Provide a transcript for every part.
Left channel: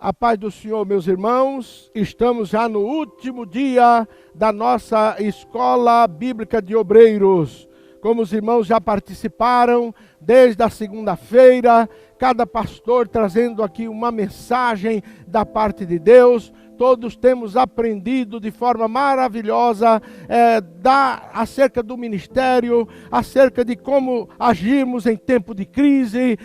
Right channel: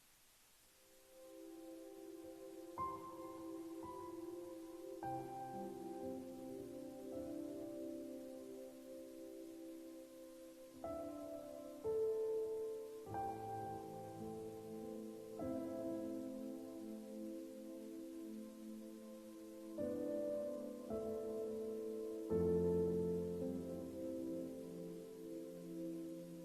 A paz do Senhor, meus irmãos, estamos já no último dia da nossa Escola Bíblica de Obreiros. Como os irmãos já participaram, desde a segunda-feira, cada pastor trazendo aqui uma mensagem da parte de Deus. Todos temos aprendido de forma maravilhosa acerca do ministério, acerca de como agirmos em tempo de crise,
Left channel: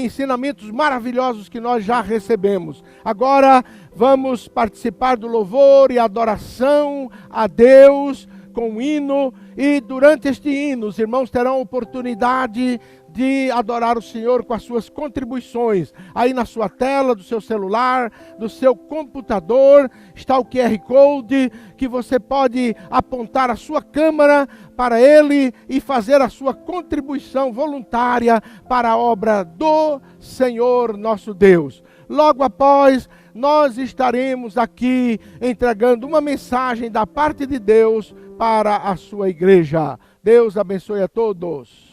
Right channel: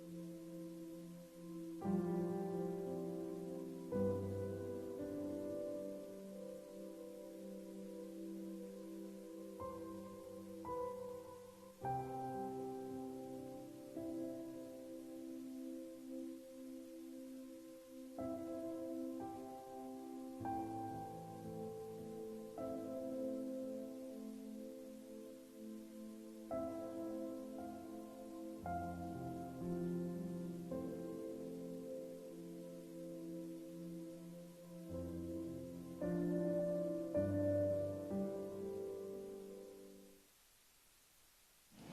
ensinamentos maravilhosos que nós já recebemos. Agora vamos participar do louvor e adoração a Deus com um hino, e durante este hino os irmãos terão a oportunidade de adorar o Senhor com as suas contribuições. Aí na sua tela, do seu celular, do seu computador, está o QR Code, que você pode apontar a sua câmera para ele e fazer a sua contribuição voluntária para a obra do Senhor nosso Deus. Logo após, nós estaremos aqui entregando uma mensagem da parte de Deus para a sua igreja. Deus abençoe a todos.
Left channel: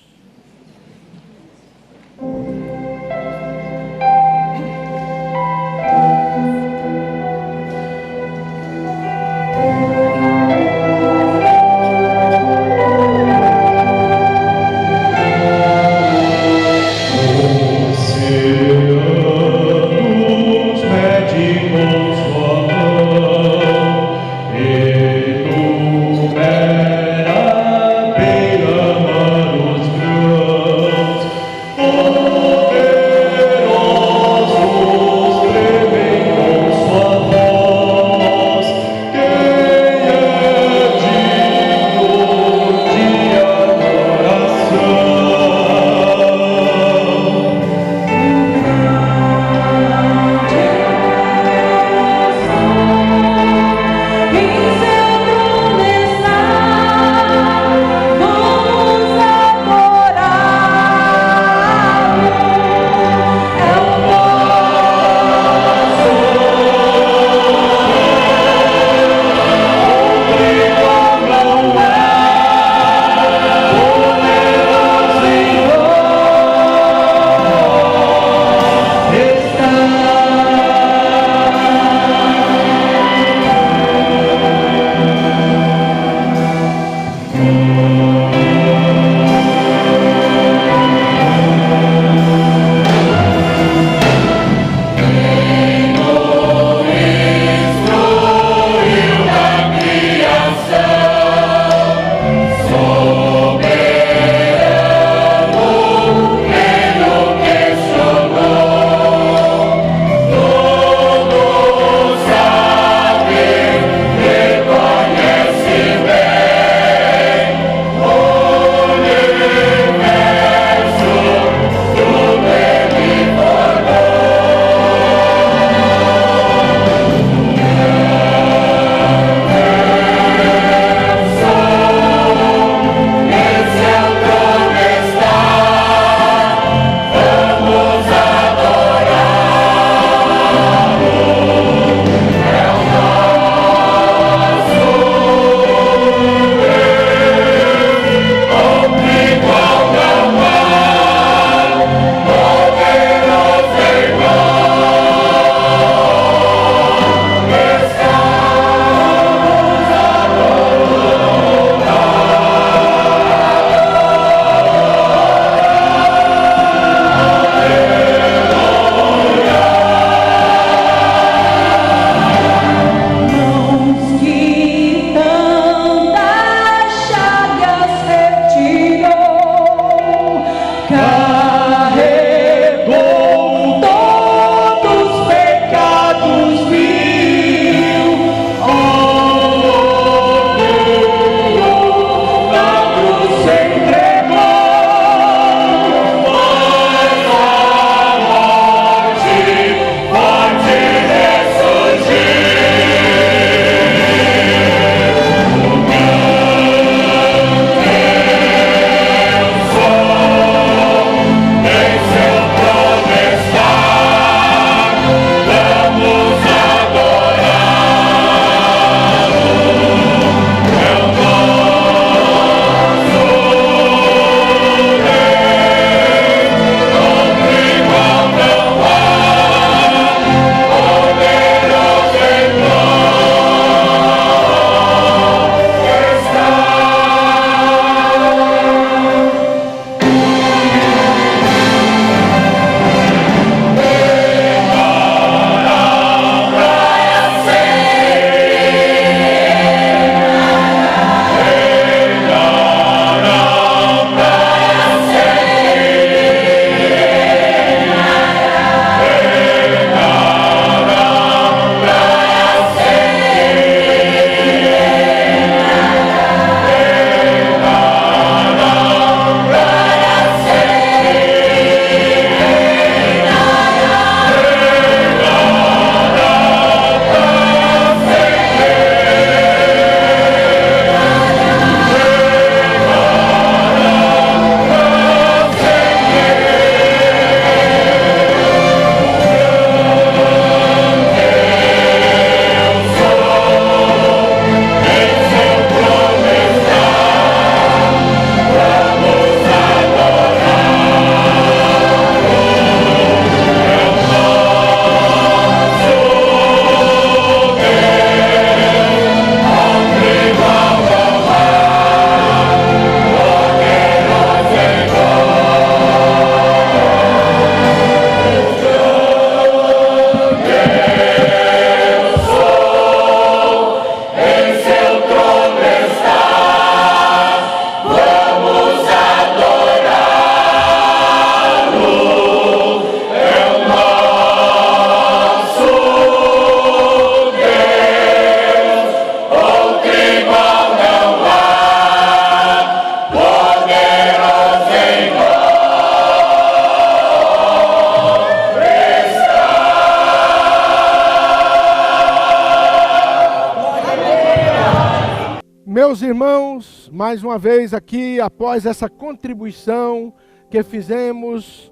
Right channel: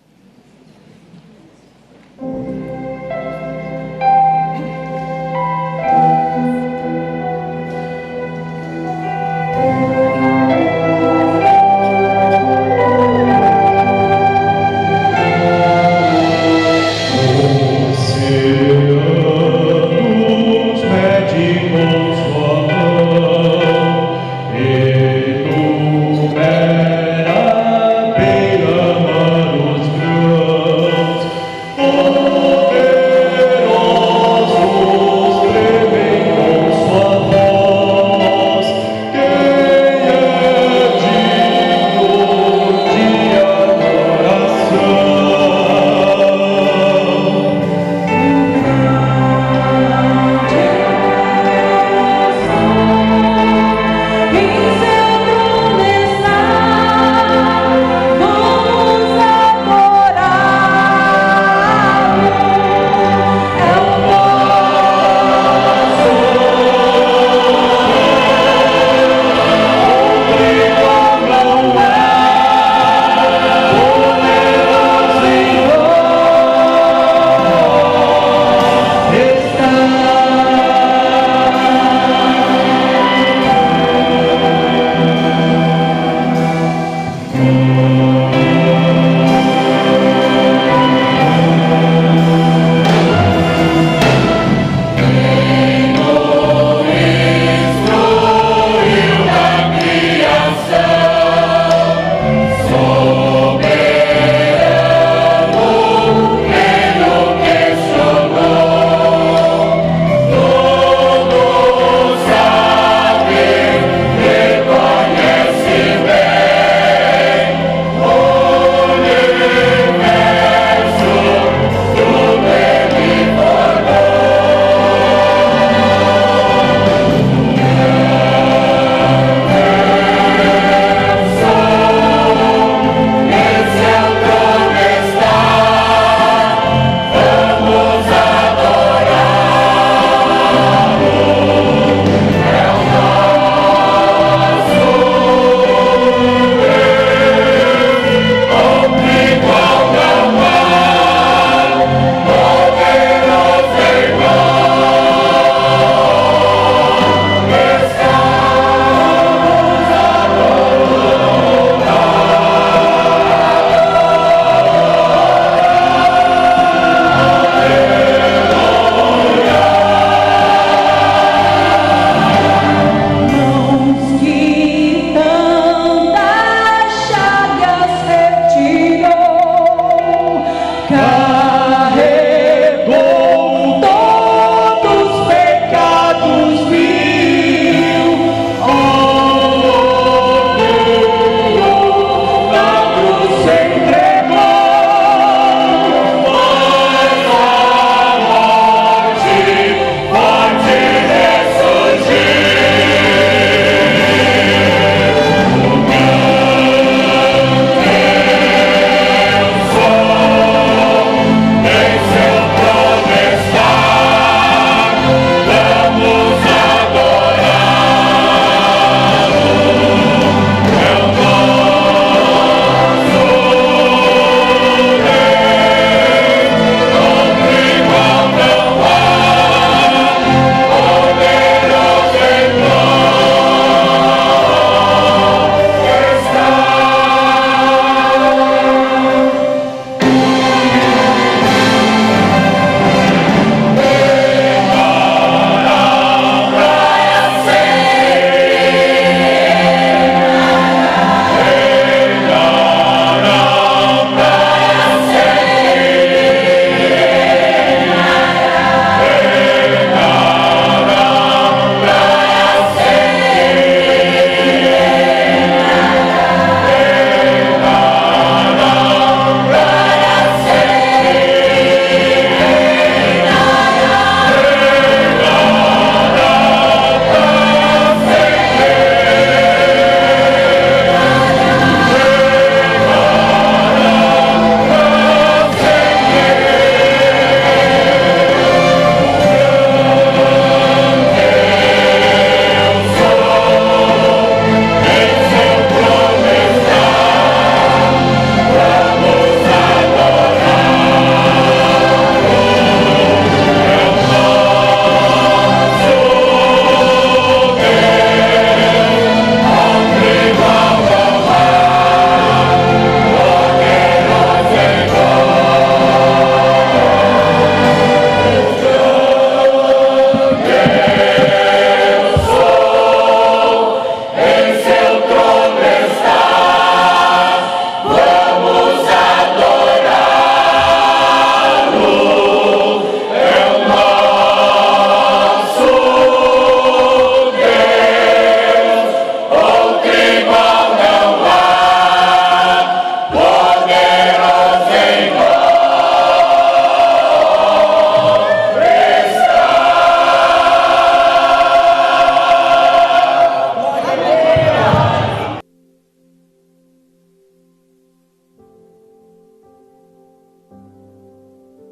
Meus irmãos, mais uma vez aqui, após essa contribuição que fizemos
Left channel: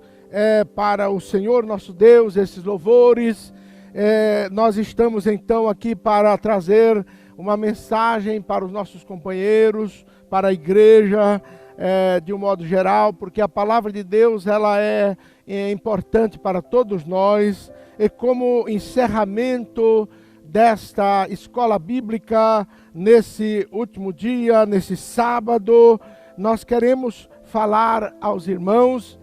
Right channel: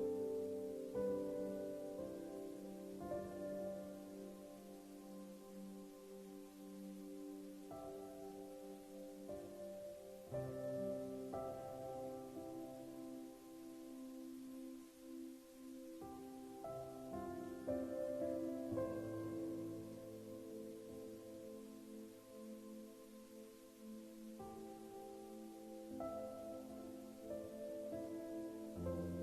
para o Senhor nosso Deus, esses louvores, nós estamos então aqui para trazer uma mensagem para os nossos companheiros, para a igreja, de um modo geral, porque a palavra de Deus ela é importante para todos nós, e como encerramento desta escola bíblica, nesse último dia, nesse sábado, nós queremos falar aos irmãos,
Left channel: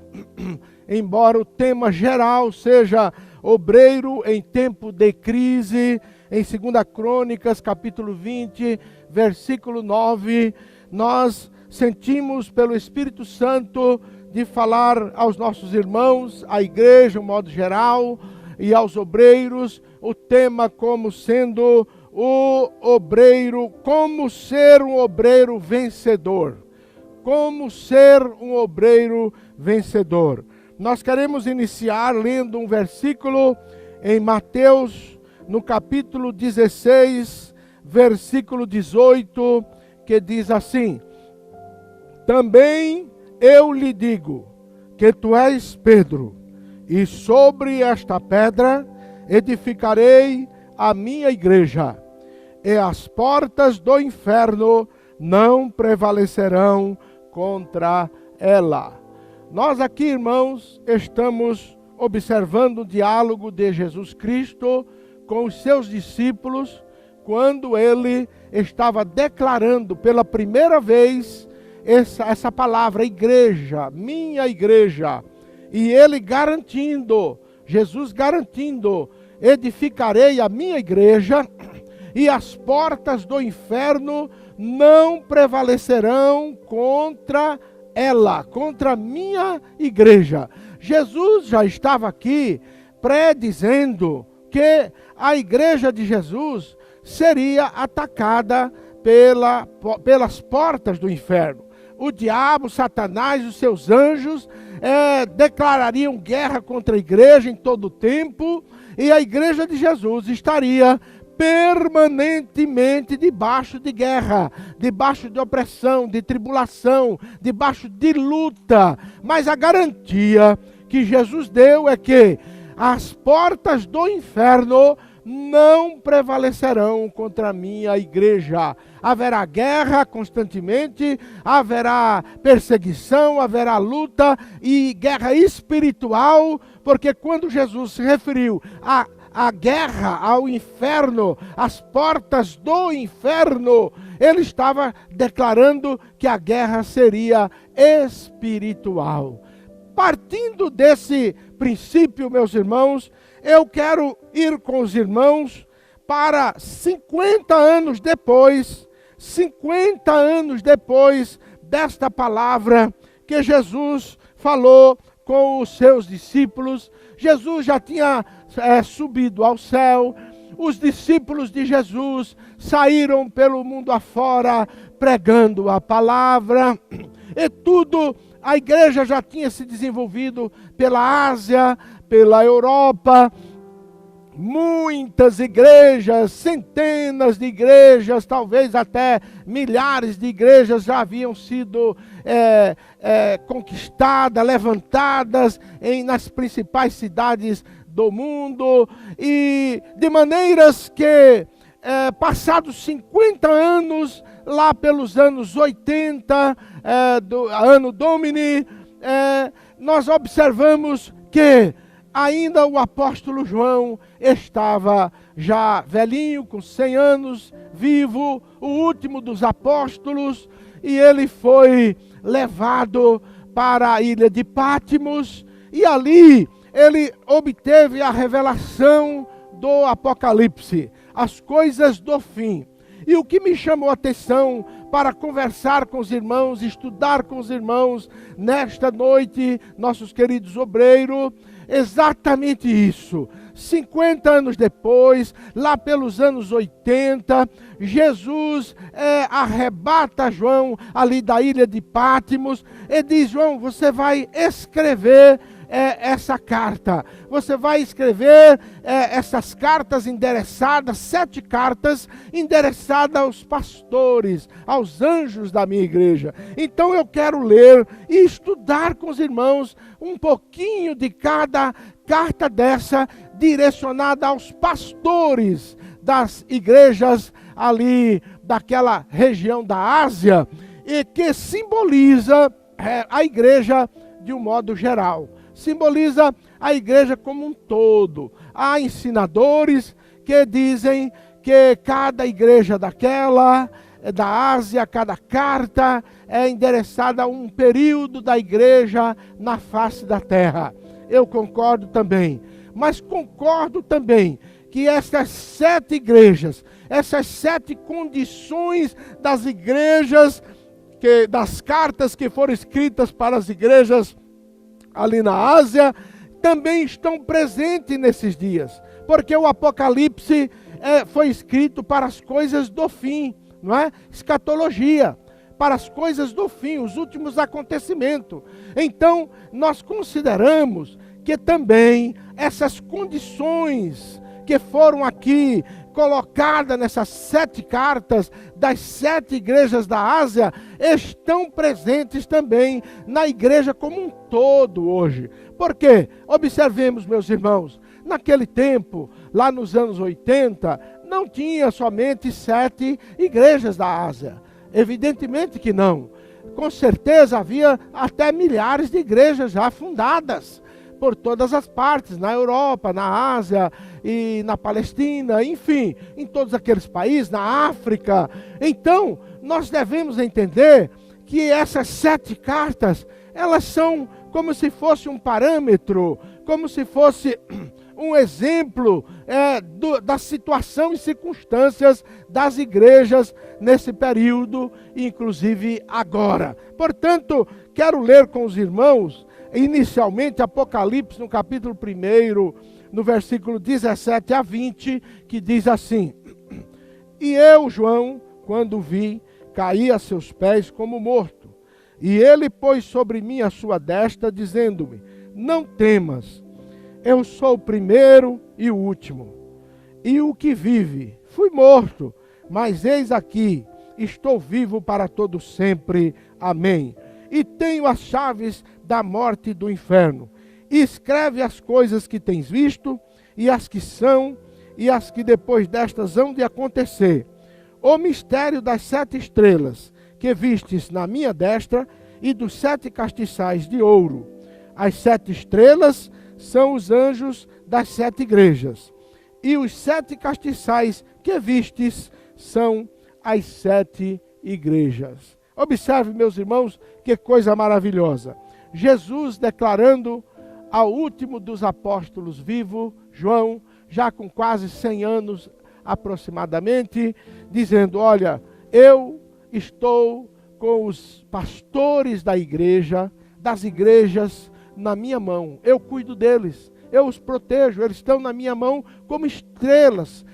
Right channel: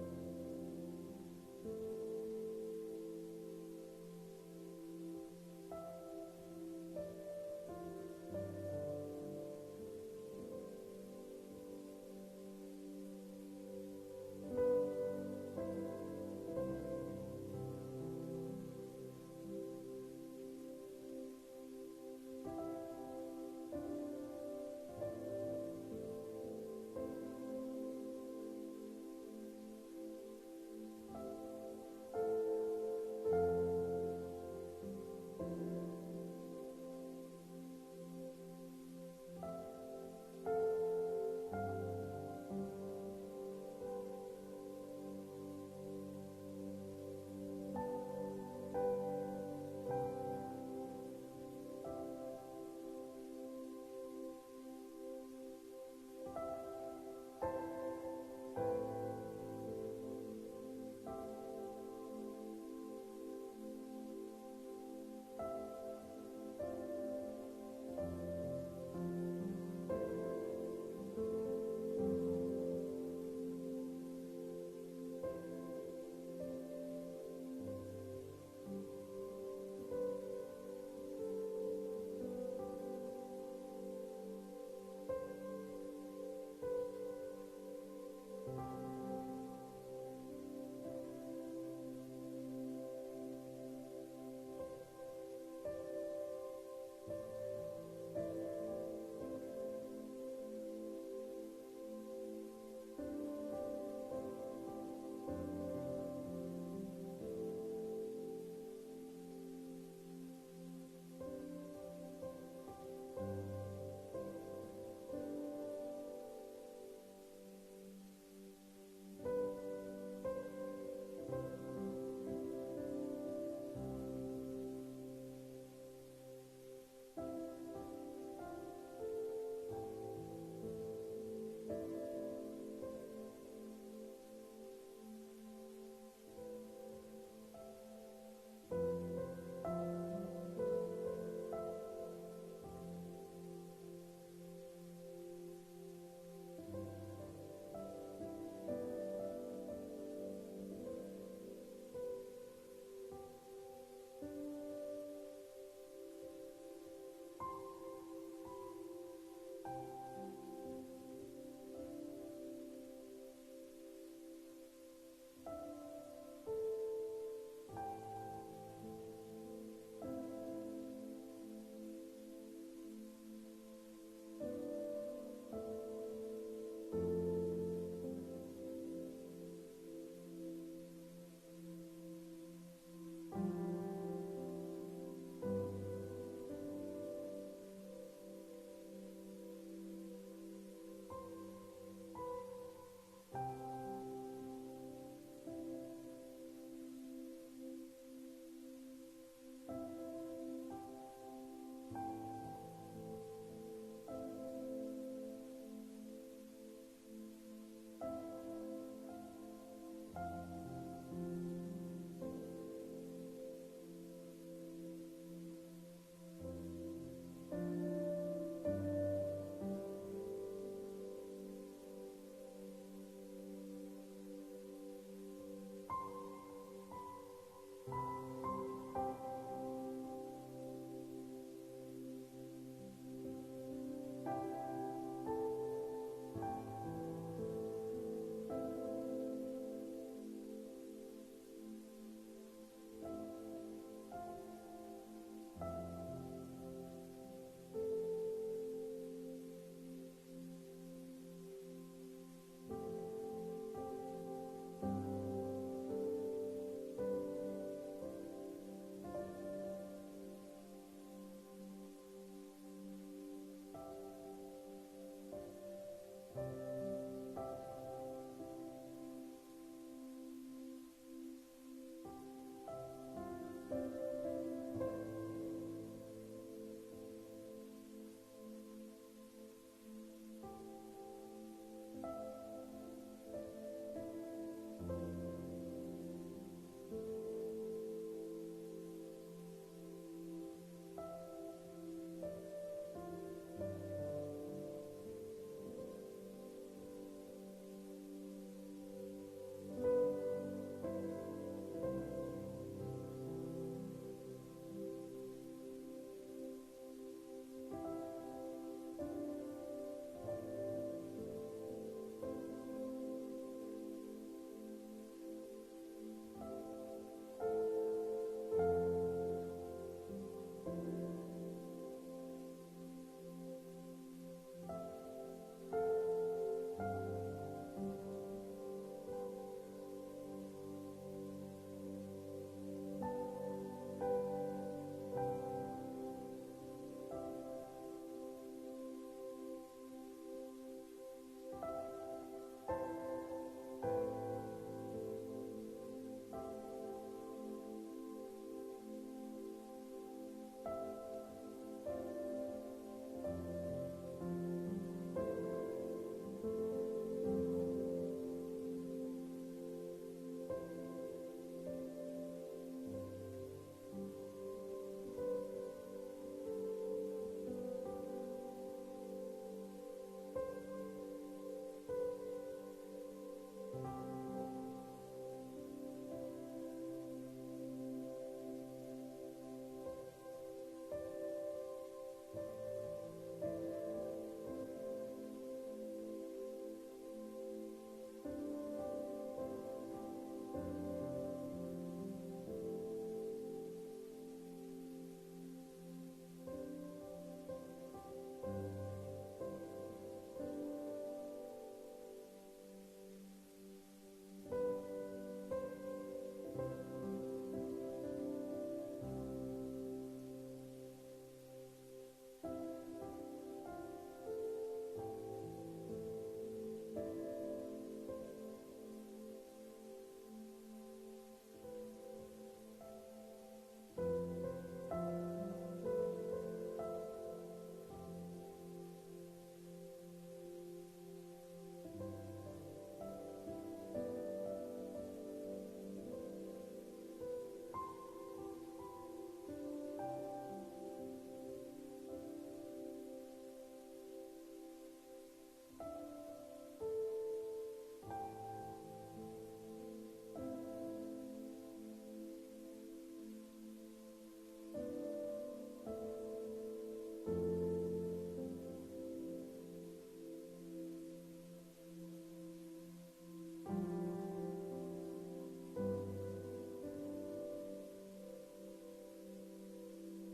embora o tema geral seja obreiro em tempo de crise, em 2 Crônicas, capítulo 20, versículo 9, nós sentimos pelo Espírito Santo de falar aos nossos irmãos, à igreja, de um modo geral, e aos obreiros, o tema como sendo o obreiro, como ser um obreiro vencedor. Como ser um obreiro vencedor. Nós queremos iniciar lendo um versículo em Mateus, no capítulo 16, versículo 18, que diz assim: Também eu lhe digo que tu és Pedro, e sobre esta pedra edificarei a minha igreja, e as portas do inferno não prevalecerão contra ela. Nós aqui, irmãos, estamos observando o diálogo de Jesus Cristo com os seus discípulos, quando ele estava declarando pela primeira vez essa palavra, igreja, minha igreja, e ele garantindo, Jesus garantindo, edificarei a minha igreja, e as portas do inferno não prevalecerão contra ela, contra a minha igreja. Jesus já estava aqui predizendo que a igreja de Jesus seria atacada pelas portas do inferno. O diabo, Satanás e os seus anjos declarariam guerra contra a igreja em todo o tempo, e a igreja de Jesus estaria permanentemente debaixo de guerra, debaixo de opressão, de tribulação, debaixo de luta. Mas a garantia que Jesus deu é que as portas do inferno não prevalecerão contra a minha igreja. Haverá guerra constantemente, haverá perseguição, haverá luta e guerra espiritual, porque quando Jesus se referiu a guerra, ao inferno, as portas do inferno, ele estava declarando que a guerra seria espiritual. Partindo desse princípio, meus irmãos, eu quero ir com os irmãos para 50 anos depois desta palavra que Jesus falou com os seus discípulos. Jesus já tinha subido ao céu, os discípulos de Jesus saíram pelo mundo afora pregando a palavra, e tudo, a igreja já tinha se desenvolvido pela Ásia, pela Europa, muitas igrejas, centenas de igrejas, talvez até milhares de igrejas já haviam sido conquistadas, levantadas nas principais cidades do mundo, e de maneiras que, passados 50 anos, lá pelos anos 80, do ano Domini, nós observamos que ainda o apóstolo João estava já velhinho, com 100 anos, vivo, o último dos apóstolos, e ele foi levado para a ilha de Pátimos, e ali ele obteve a revelação do Apocalipse, as coisas do fim. E o que me chamou a atenção para conversar com os irmãos, estudar com os irmãos nesta noite, nossos queridos obreiros, exatamente isso. 50 anos depois, lá pelos anos 80, Jesus arrebata João ali da ilha de Pátimos e diz: João, você vai escrever essa carta. Você vai escrever essas cartas endereçadas, 7 cartas endereçadas aos pastores, aos anjos da minha igreja. Então eu quero ler e estudar com os irmãos um pouquinho de cada carta dessa, direcionada aos pastores das igrejas ali daquela região da Ásia, e que simboliza a igreja de um modo geral. Simboliza a igreja como um todo. Há ensinadores que dizem que cada igreja da Ásia, cada carta é endereçada a um período da igreja na face da terra. Eu concordo também. Mas concordo também que essas 7 igrejas, essas 7 condições das igrejas, das cartas que foram escritas para as igrejas ali na Ásia, também estão presentes nesses dias. Porque o Apocalipse foi escrito para as coisas do fim, não é? Escatologia, para as coisas do fim, os últimos acontecimentos. Então, nós consideramos que também essas condições que foram aqui colocadas nessas 7 cartas das 7 igrejas da Ásia, estão presentes também na igreja como um todo hoje. Por quê? Observemos, meus irmãos, naquele tempo, lá nos anos 80, não tinha somente 7 igrejas da Ásia. Evidentemente que não. Com certeza havia até milhares de igrejas já fundadas por todas as partes, na Europa, na Ásia e na Palestina, enfim, em todos aqueles países, na África. Então, nós devemos entender que essas 7 cartas, elas são como se fosse um parâmetro, como se fosse um exemplo da situação e circunstâncias das igrejas nesse período, inclusive agora. Portanto, quero ler com os irmãos, inicialmente, Apocalipse, no capítulo 1, no versículo 17 a 20, que diz assim: E eu, João, quando vi, caí a seus pés como morto. E ele pôs sobre mim a sua destra, dizendo-me: Não temas, eu sou o primeiro e o último, e o que vive. Fui morto, mas eis aqui, estou vivo para todo sempre. Amém. E tenho as chaves da morte e do inferno. E escreve as coisas que tens visto, e as que são, e as que depois destas hão de acontecer. O mistério das 7 estrelas, que vistes na minha destra, e dos 7 castiçais de ouro. As 7 estrelas são os anjos das 7 igrejas. E os 7 castiçais que vistes são as 7 igrejas. Observe, meus irmãos, que coisa maravilhosa. Jesus declarando ao último dos apóstolos vivo, João, já com quase 100 anos aproximadamente, dizendo: olha, eu estou com os pastores da igreja, das igrejas, na minha mão. Eu cuido deles, eu os protejo, eles estão na minha mão como estrelas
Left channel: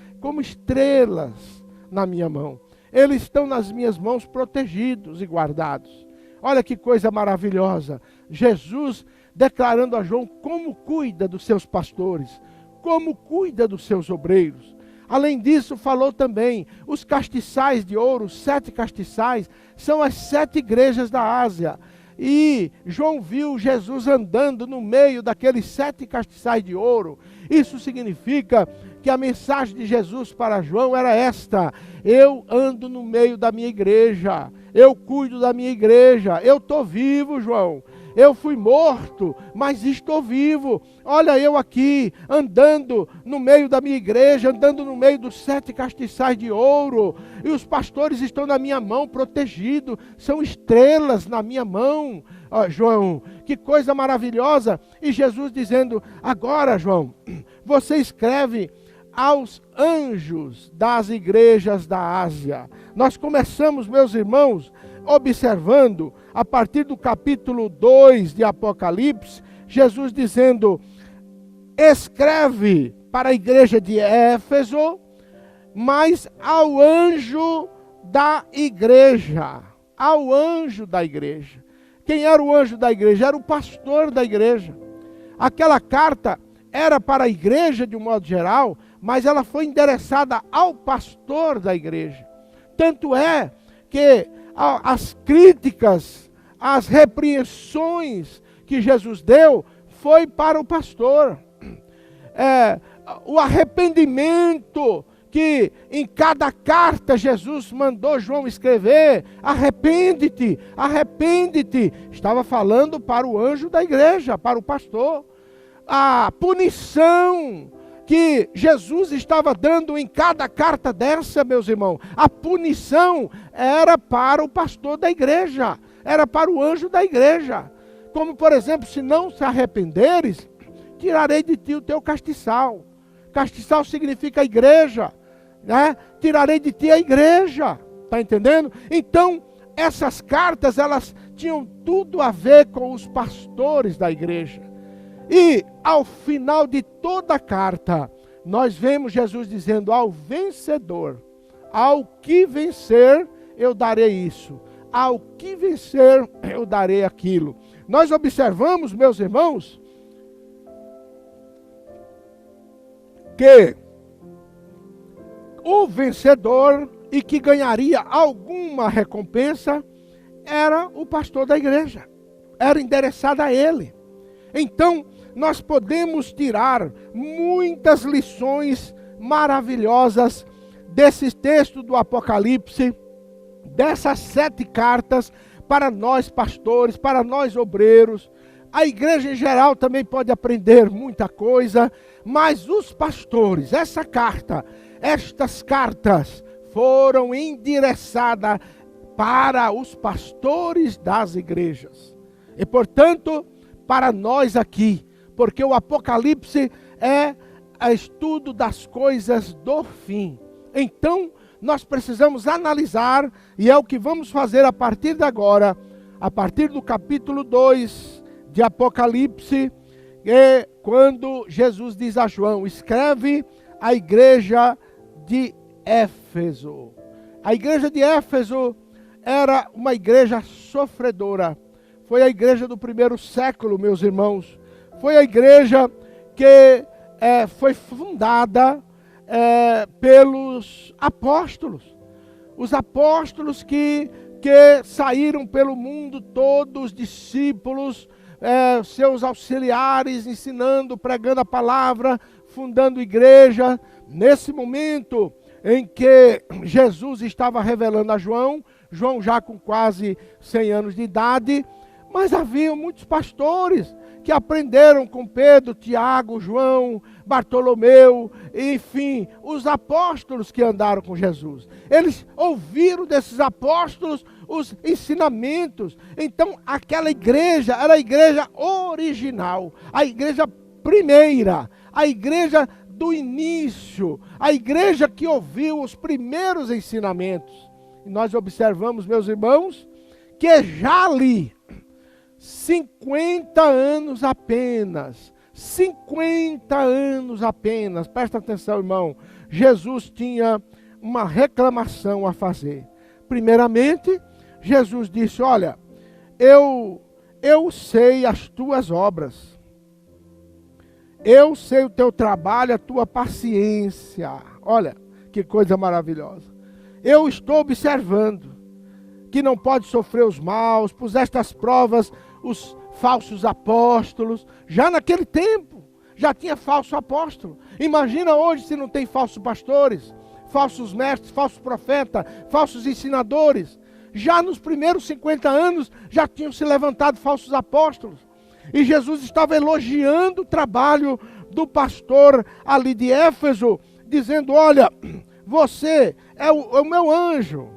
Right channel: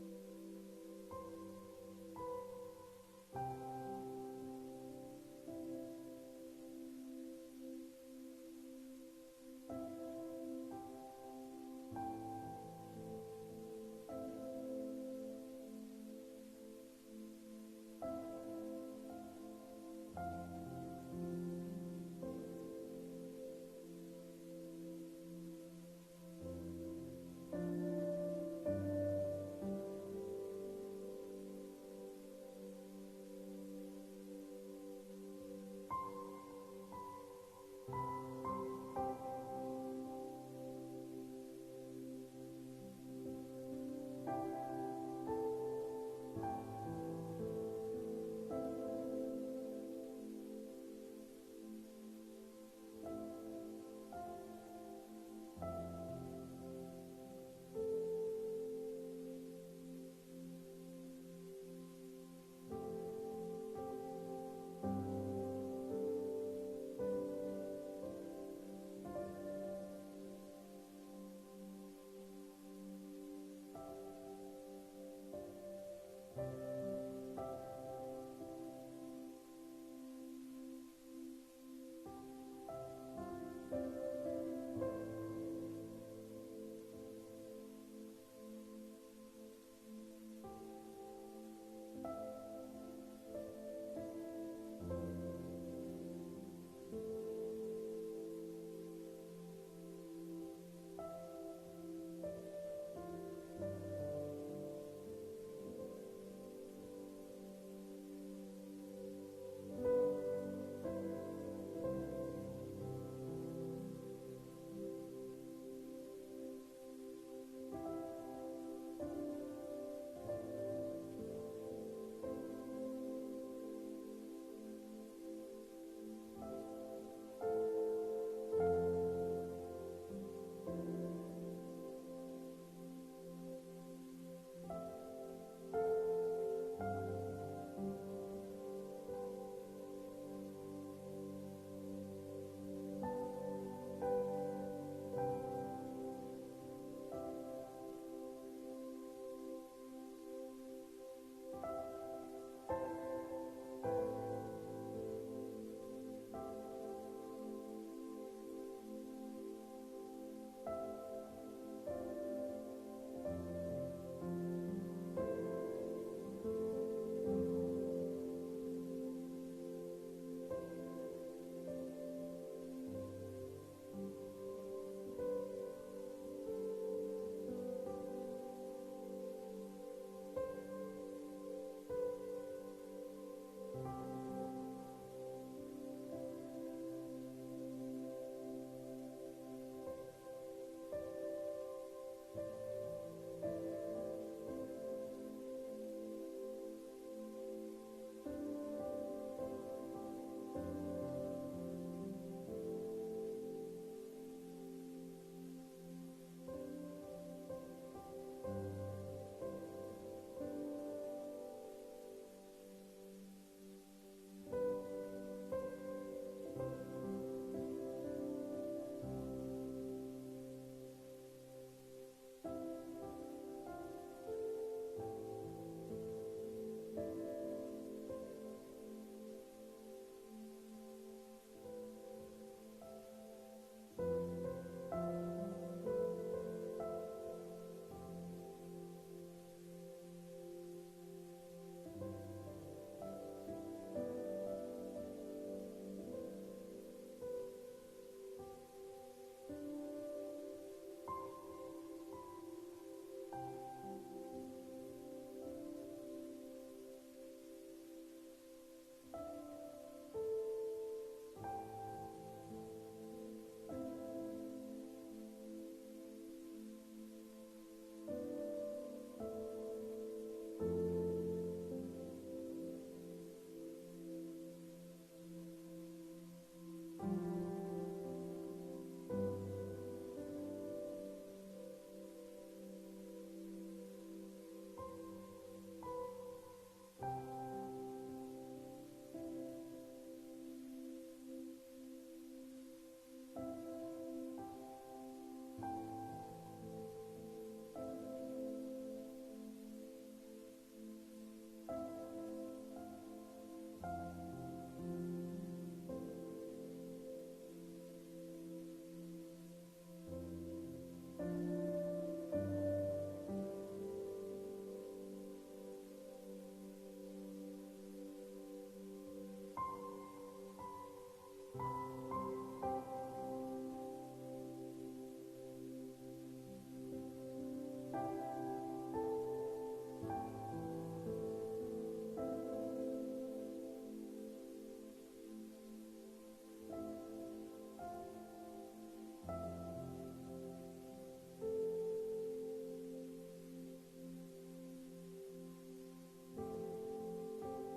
na minha mão. Eles estão nas minhas mãos protegidos e guardados. Olha que coisa maravilhosa. Jesus declarando a João como cuida dos seus pastores, como cuida dos seus obreiros. Além disso, falou também, os castiçais de ouro, 7 castiçais, são as 7 igrejas da Ásia. E João viu Jesus andando no meio daqueles 7 castiçais de ouro. Isso significa que a mensagem de Jesus para João era esta: eu ando no meio da minha igreja, eu cuido da minha igreja, eu estou vivo, João. Eu fui morto, mas estou vivo. Olha eu aqui, andando no meio da minha igreja, andando no meio dos 7 castiçais de ouro. E os pastores estão na minha mão, protegidos. São estrelas na minha mão. João, que coisa maravilhosa. E Jesus dizendo: agora, João, você escreve aos anjos das igrejas da Ásia. Nós começamos, meus irmãos, observando, a partir do capítulo 2 de Apocalipse, Jesus dizendo: escreve para a igreja de Éfeso, mas ao anjo da igreja. Ao anjo da igreja. Quem era o anjo da igreja? Era o pastor da igreja. Aquela carta era para a igreja de um modo geral, mas ela foi endereçada ao pastor da igreja. Tanto é que as críticas, as repreensões que Jesus deu foi para o pastor. O arrependimento que em cada carta Jesus mandou João escrever, arrepende-te, arrepende-te, estava falando para o anjo da igreja, para o pastor. A punição que Jesus estava dando em cada carta dessa, meus irmãos, a punição era para o pastor da igreja, era para o anjo da igreja. Como, por exemplo, se não se arrependeres, tirarei de ti o teu castiçal. Castiçal significa igreja, né? Tirarei de ti a igreja, está entendendo? Então, essas cartas, elas tinham tudo a ver com os pastores da igreja. E, ao final de toda a carta, nós vemos Jesus dizendo ao vencedor, ao que vencer, eu darei isso. Ao que vencer, eu darei aquilo. Nós observamos, meus irmãos, que o vencedor e que ganharia alguma recompensa era o pastor da igreja. Era endereçada a ele. Então, nós podemos tirar muitas lições maravilhosas desse texto do Apocalipse, dessas 7 cartas, para nós pastores, para nós obreiros. A igreja em geral também pode aprender muita coisa, mas os pastores, estas cartas foram endereçadas para os pastores das igrejas. E, portanto, para nós aqui, porque o Apocalipse é o estudo das coisas do fim. Então, nós precisamos analisar, e é o que vamos fazer a partir de agora, a partir do capítulo 2 de Apocalipse, quando Jesus diz a João, escreve a igreja de Éfeso. A igreja de Éfeso era uma igreja sofredora. Foi a igreja do primeiro século, meus irmãos. Foi a igreja que foi fundada pelos apóstolos. Os apóstolos que saíram pelo mundo todo, os discípulos, seus auxiliares, ensinando, pregando a palavra, fundando igreja. Nesse momento em que Jesus estava revelando a João, João já com quase 100 anos de idade, mas havia muitos pastores que aprenderam com Pedro, Tiago, João, Bartolomeu, enfim, os apóstolos que andaram com Jesus. Eles ouviram desses apóstolos os ensinamentos. Então, aquela igreja era a igreja original, a igreja primeira, a igreja do início, a igreja que ouviu os primeiros ensinamentos. E nós observamos, meus irmãos, que já ali, 50 anos apenas, 50 anos apenas, presta atenção, irmão, Jesus tinha uma reclamação a fazer. Primeiramente, Jesus disse, olha, eu sei as tuas obras, eu sei o teu trabalho, a tua paciência. Olha, que coisa maravilhosa. Eu estou observando que não pode sofrer os maus, puseste as provas os falsos apóstolos. Já naquele tempo, já tinha falso apóstolo. Imagina hoje se não tem falsos pastores, falsos mestres, falsos profetas, falsos ensinadores. Já nos primeiros 50 anos, já tinham se levantado falsos apóstolos. E Jesus estava elogiando o trabalho do pastor ali de Éfeso, dizendo, olha, você é o meu anjo.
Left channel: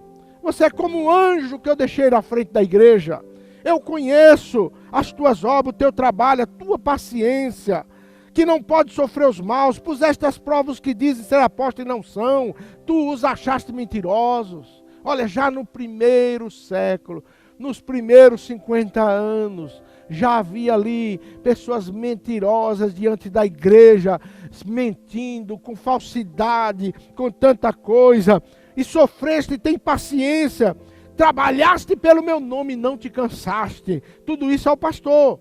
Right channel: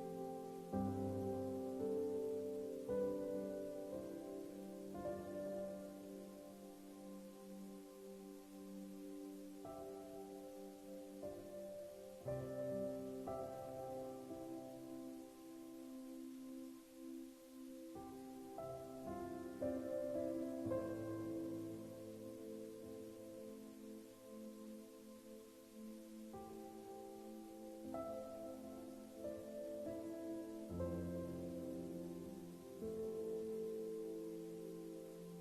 Você é como um anjo que eu deixei na frente da igreja. Eu conheço as tuas obras, o teu trabalho, a tua paciência, que não pode sofrer os maus. Puseste as provas que dizem ser apóstolos e não são. Tu os achaste mentirosos. Olha, já no primeiro século, nos primeiros 50 anos, já havia ali pessoas mentirosas diante da igreja, mentindo, com falsidade, com tanta coisa. E sofreste, tem paciência, trabalhaste pelo meu nome e não te cansaste. Tudo isso ao pastor.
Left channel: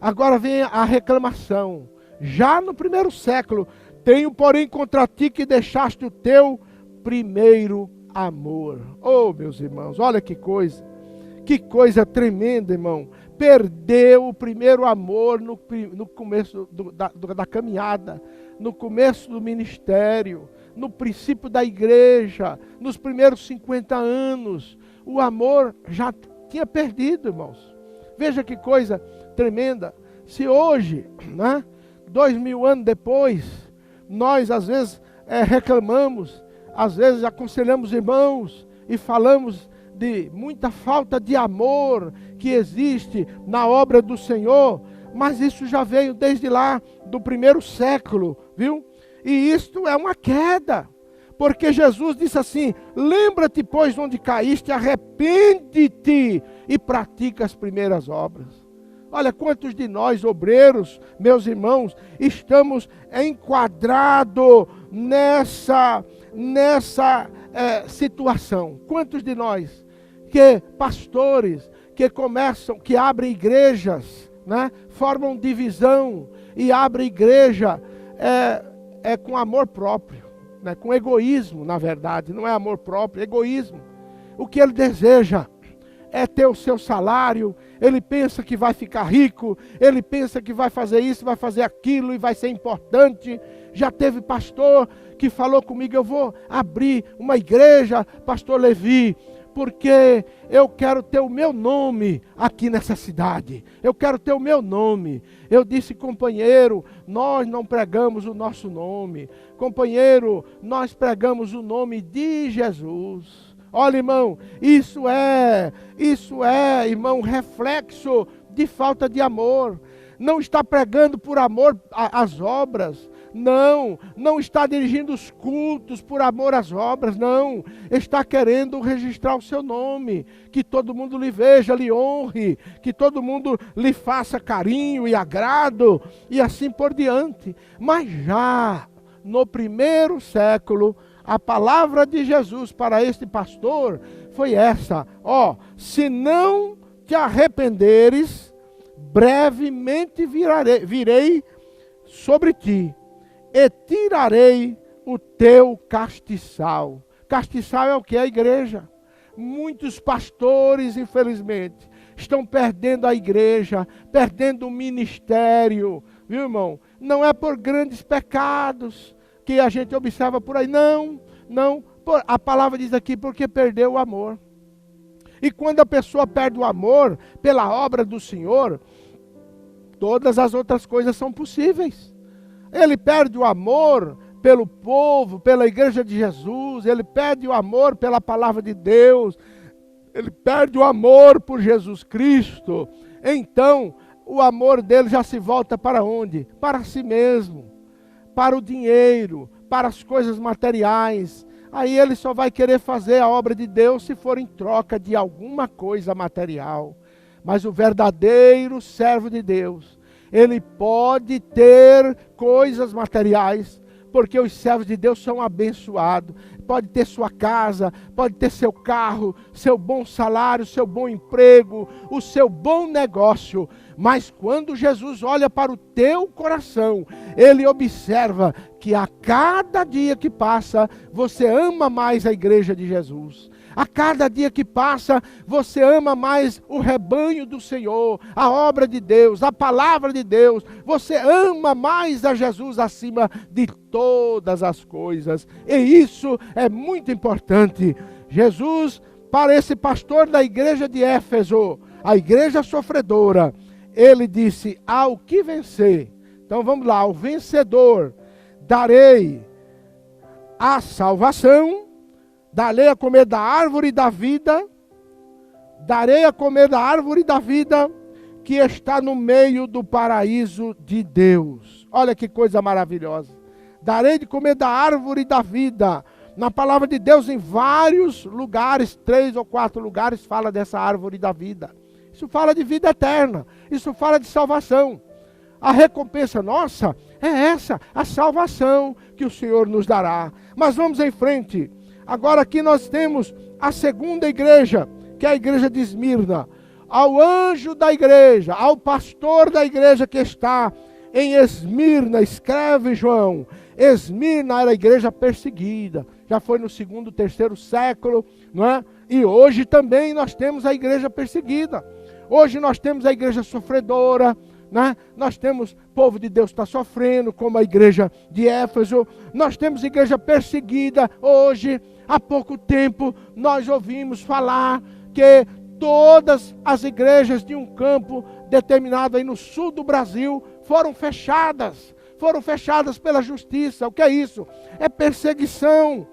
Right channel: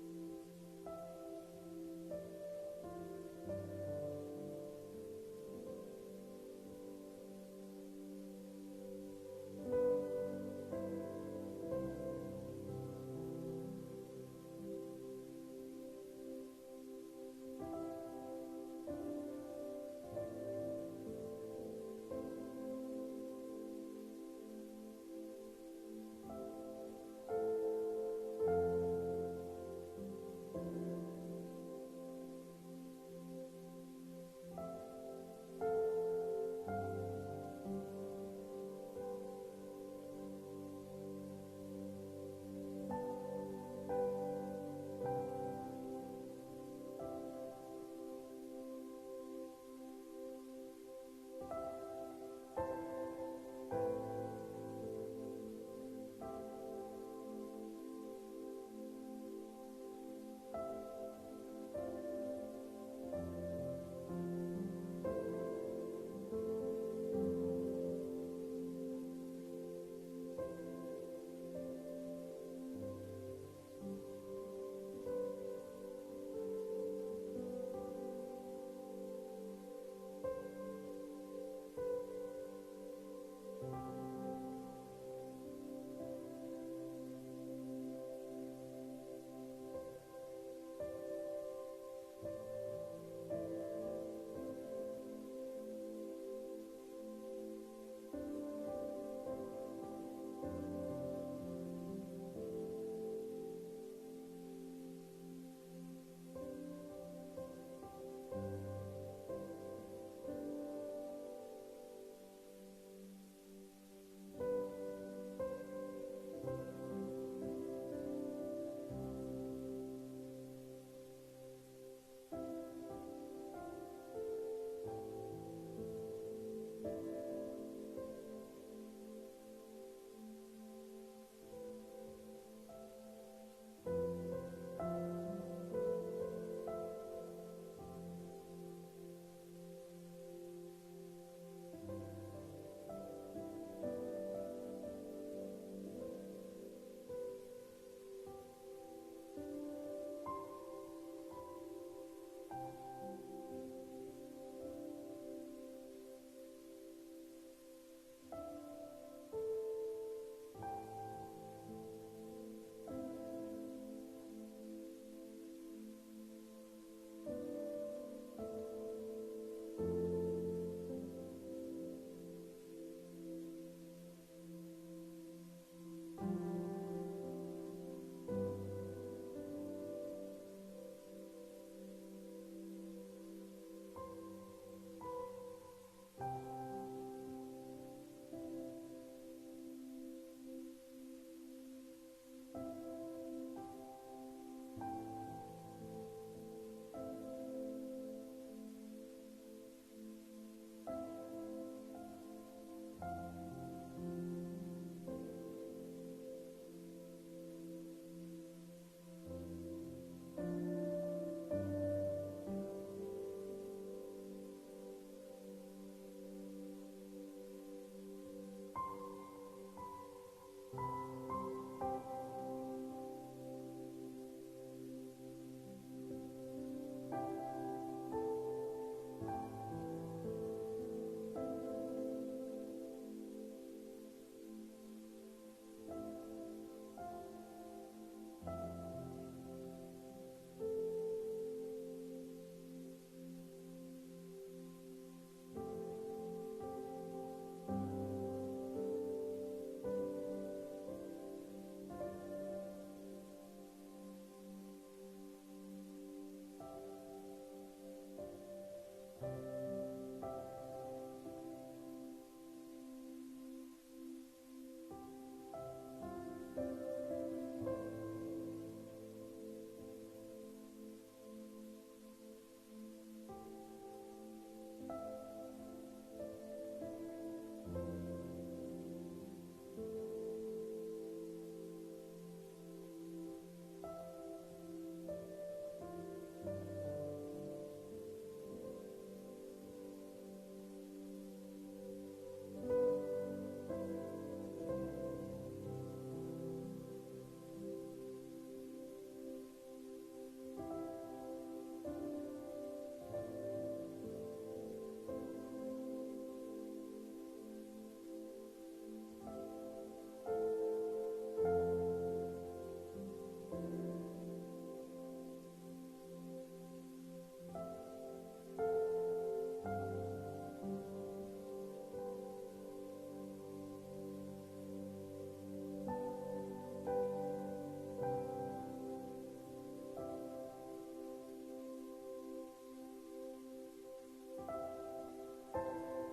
Agora vem a reclamação. Já no primeiro século, tenho, porém, contra ti que deixaste o teu primeiro amor. Oh, meus irmãos, olha que coisa tremenda, irmão. Perdeu o primeiro amor no começo da caminhada, no começo do ministério, no princípio da igreja, nos primeiros 50 anos. O amor já tinha perdido, irmãos. Veja que coisa tremenda. Se hoje, 2000 anos depois, nós às vezes reclamamos, às vezes aconselhamos irmãos e falamos de muita falta de amor que existe na obra do Senhor, mas isso já veio desde lá do primeiro século, viu? E isto é uma queda, porque Jesus disse assim: lembra-te, pois, onde caíste, arrepende-te e pratica as primeiras obras. Olha quantos de nós, obreiros, meus irmãos, estamos enquadrados nessa situação. Quantos de nós, que pastores, que começam, que abrem igrejas, formam divisão e abrem igreja com amor próprio, com egoísmo, na verdade, não é amor próprio, é egoísmo. O que ele deseja é ter o seu salário, ele pensa que vai ficar rico, ele pensa que vai fazer isso, vai fazer aquilo e vai ser importante. Já teve pastor que falou comigo: eu vou abrir uma igreja, pastor Levi, porque eu quero ter o meu nome aqui nessa cidade, eu quero ter o meu nome. Eu disse: companheiro, nós não pregamos o nosso nome, companheiro, nós pregamos o nome de Jesus. Olha, irmão, isso é, irmão, reflexo de falta de amor. Não está pregando por amor às obras, não está dirigindo os cultos por amor às obras, não. Está querendo registrar o seu nome, que todo mundo lhe veja, lhe honre, que todo mundo lhe faça carinho e agrado, e assim por diante. Mas já no primeiro século, a palavra de Jesus para este pastor foi essa: se não te arrependeres, brevemente virei sobre ti e tirarei o teu castiçal. Castiçal é o que? A igreja. Muitos pastores, infelizmente, estão perdendo a igreja, perdendo o ministério, viu, irmão? Não é por grandes pecados que a gente observa por aí, não, a palavra diz aqui, porque perdeu o amor. E quando a pessoa perde o amor pela obra do Senhor, todas as outras coisas são possíveis. Ele perde o amor pelo povo, pela igreja de Jesus, ele perde o amor pela palavra de Deus, ele perde o amor por Jesus Cristo. Então, o amor dele já se volta para onde? Para si mesmo, para o dinheiro, para as coisas materiais. Aí ele só vai querer fazer a obra de Deus se for em troca de alguma coisa material. Mas o verdadeiro servo de Deus, ele pode ter coisas materiais, porque os servos de Deus são abençoados. Pode ter sua casa, pode ter seu carro, seu bom salário, seu bom emprego, o seu bom negócio. Mas quando Jesus olha para o teu coração, ele observa que a cada dia que passa, você ama mais a igreja de Jesus. A cada dia que passa, você ama mais o rebanho do Senhor, a obra de Deus, a palavra de Deus. Você ama mais a Jesus acima de todas as coisas. E isso é muito importante. Jesus, para esse pastor da igreja de Éfeso, a igreja sofredora, ele disse: ao que vencer. Então vamos lá: ao vencedor darei a salvação, darei a comer da árvore da vida, darei a comer da árvore da vida que está no meio do paraíso de Deus. Olha que coisa maravilhosa. Darei de comer da árvore da vida. Na palavra de Deus, em vários lugares, 3 ou 4 lugares, fala dessa árvore da vida. Isso fala de vida eterna, isso fala de salvação. A recompensa nossa é essa, a salvação que o Senhor nos dará. Mas vamos em frente. Agora aqui nós temos a segunda igreja, que é a igreja de Esmirna. ao anjo da igreja, ao pastor da igreja que está em Esmirna, escreve João. Esmirna era a igreja perseguida, já foi no 2º, 3º século, não é? E hoje também nós temos a igreja perseguida. Hoje nós temos a igreja sofredora, né? Nós temos, o povo de Deus está sofrendo, como a igreja de Éfeso. Nós temos igreja perseguida hoje. Há pouco tempo nós ouvimos falar que todas as igrejas de um campo determinado aí no sul do Brasil foram fechadas pela justiça. O que é isso? É perseguição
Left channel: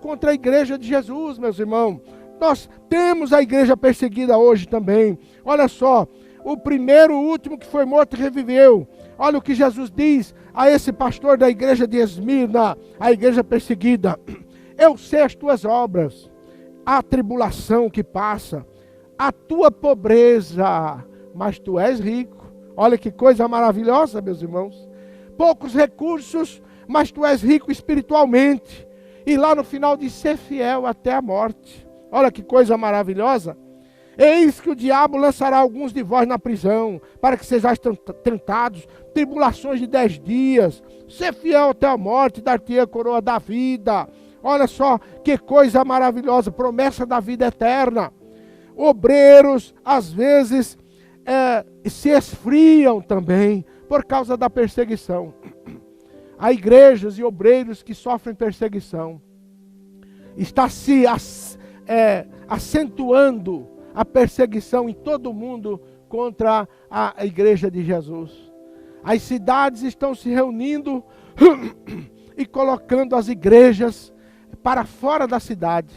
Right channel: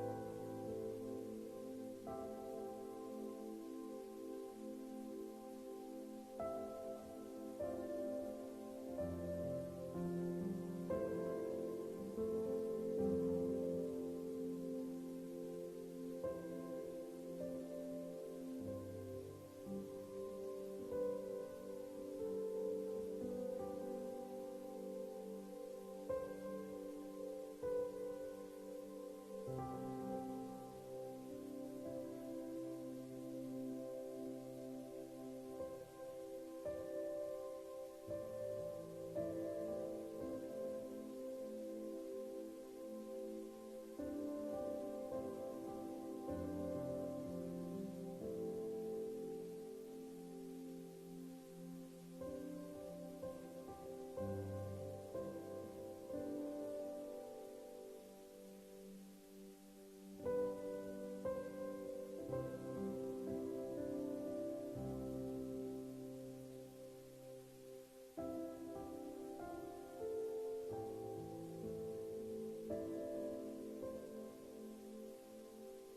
contra a igreja de Jesus, meus irmãos. Nós temos a igreja perseguida hoje também. Olha só, o primeiro, o último que foi morto e reviveu. Olha o que Jesus diz a esse pastor da igreja de Esmirna, a igreja perseguida. Eu sei as tuas obras, a tribulação que passa, a tua pobreza, mas tu és rico. Olha que coisa maravilhosa, meus irmãos. Poucos recursos, mas tu és rico espiritualmente. E lá no final diz ser fiel até a morte. Olha que coisa maravilhosa. Eis que o diabo lançará alguns de vós na prisão, para que sejais tentados, tribulações de 10 dias. Ser fiel até a morte, dar-te-ei a coroa da vida. Olha só que coisa maravilhosa, promessa da vida eterna. Obreiros, às vezes, se esfriam também, por causa da perseguição. Há igrejas e obreiros que sofrem perseguição. Está se acentuando a perseguição em todo o mundo contra a igreja de Jesus. As cidades estão se reunindo e colocando as igrejas para fora da cidade.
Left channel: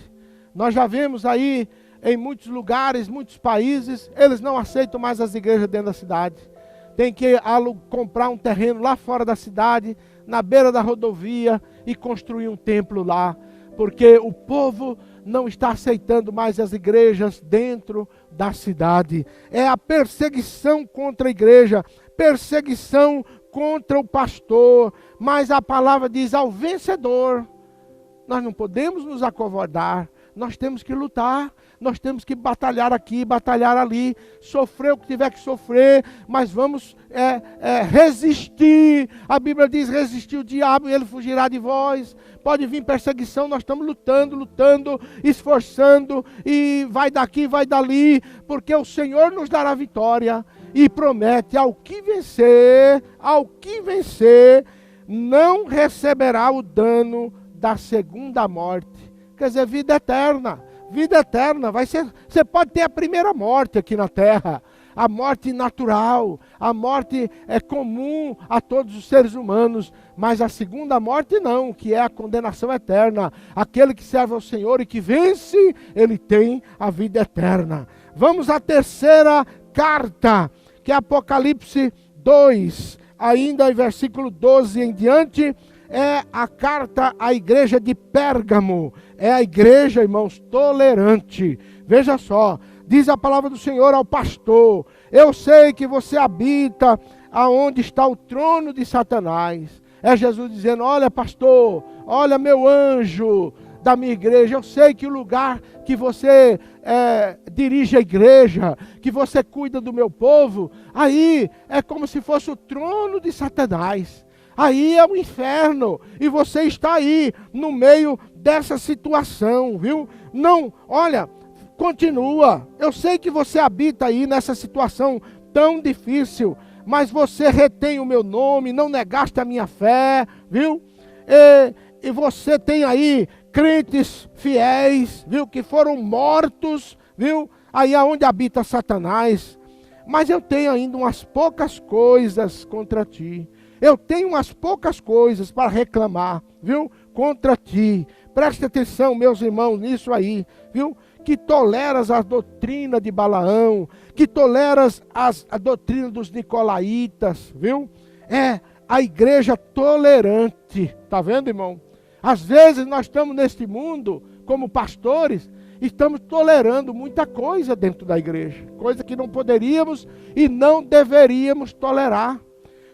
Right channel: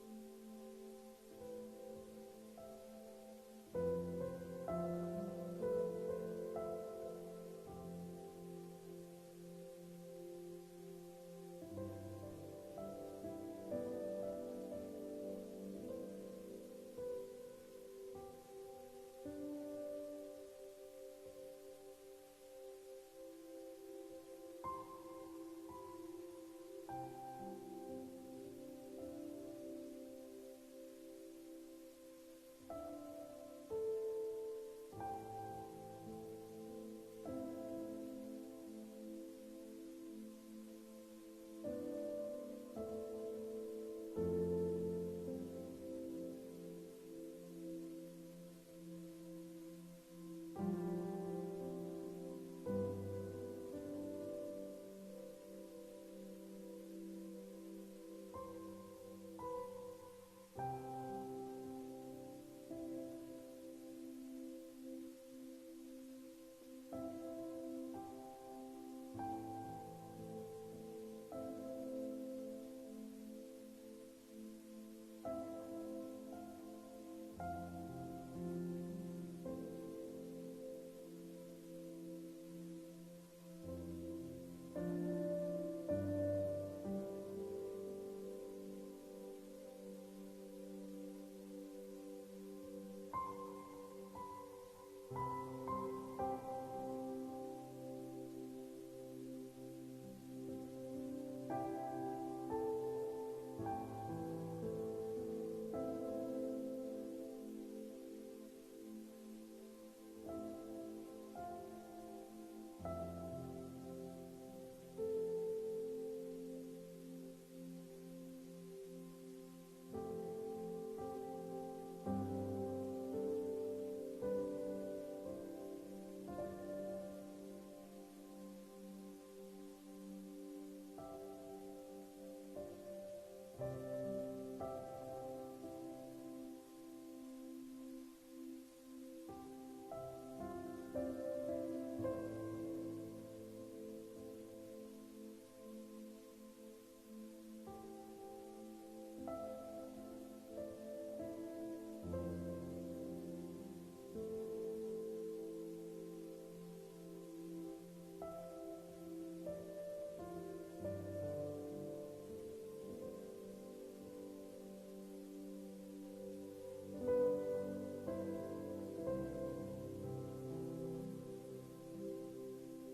Nós já vemos aí em muitos lugares, muitos países, eles não aceitam mais as igrejas dentro da cidade. Tem que comprar um terreno lá fora da cidade, na beira da rodovia, e construir um templo lá, porque o povo não está aceitando mais as igrejas dentro da cidade. É a perseguição contra a igreja, perseguição contra o pastor, mas a palavra diz ao vencedor. Nós não podemos nos acovardar, nós temos que lutar, nós temos que batalhar aqui, batalhar ali, sofrer o que tiver que sofrer, mas vamos resistir. A Bíblia diz, resistir o diabo e ele fugirá de vós. Pode vir perseguição, nós estamos lutando, esforçando, e vai daqui, vai dali, porque o Senhor nos dará vitória, e promete, ao que vencer, não receberá o dano da segunda morte. Quer dizer, vida eterna, você pode ter a primeira morte aqui na terra, a morte natural, a morte comum a todos os seres humanos, mas a segunda morte não, que é a condenação eterna. Aquele que serve ao Senhor e que vence, ele tem a vida eterna. Vamos à terceira carta, que é Apocalipse 2, ainda em versículo 12 em diante, é a carta à igreja de Pérgamo. É a igreja, irmãos, tolerante. Veja só, diz a palavra do Senhor ao pastor: eu sei que você habita aonde está o trono de Satanás. É Jesus dizendo: olha, pastor, olha, meu anjo da minha igreja, eu sei que o lugar que você dirige a igreja, que você cuida do meu povo, aí é como se fosse o trono de Satanás. Aí é o inferno, e você está aí, no meio dessa situação, viu? Não, olha, continua. Eu sei que você habita aí nessa situação tão difícil, mas você retém o meu nome, não negaste a minha fé, viu? E você tem aí crentes fiéis, viu? Que foram mortos, viu? Aí é onde habita Satanás. Mas eu tenho ainda umas poucas coisas contra ti. Eu tenho umas poucas coisas para reclamar, viu? Contra ti. Preste atenção, meus irmãos, nisso aí, viu? Que toleras a doutrina de Balaão, que toleras a doutrina dos nicolaítas, viu? É a igreja tolerante, tá vendo, irmão? Às vezes nós estamos neste mundo, como pastores, estamos tolerando muita coisa dentro da igreja, coisa que não poderíamos e não deveríamos tolerar.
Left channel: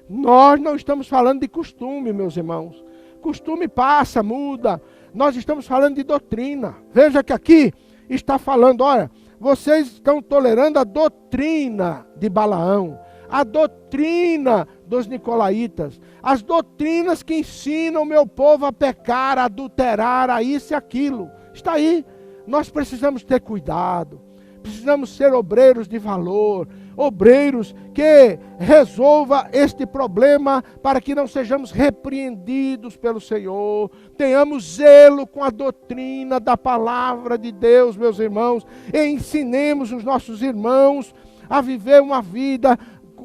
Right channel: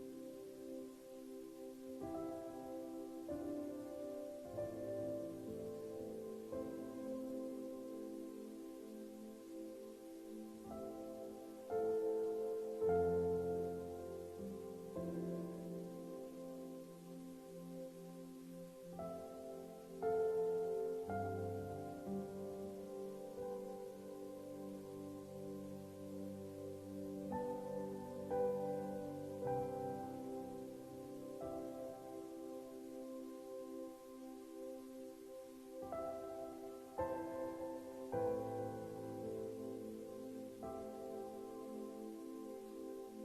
Nós não estamos falando de costume, meus irmãos. Costume passa, muda. Nós estamos falando de doutrina. Veja que aqui está falando, olha, Vocês estão tolerando a doutrina de Balaão, a doutrina dos nicolaítas, as doutrinas que ensinam o meu povo a pecar, a adulterar, a isso e aquilo. Está aí. Nós precisamos ter cuidado, precisamos ser obreiros de valor, obreiros que resolva este problema para que não sejamos repreendidos pelo Senhor. Tenhamos zelo com a doutrina da palavra de Deus, meus irmãos, e ensinemos os nossos irmãos a viver uma vida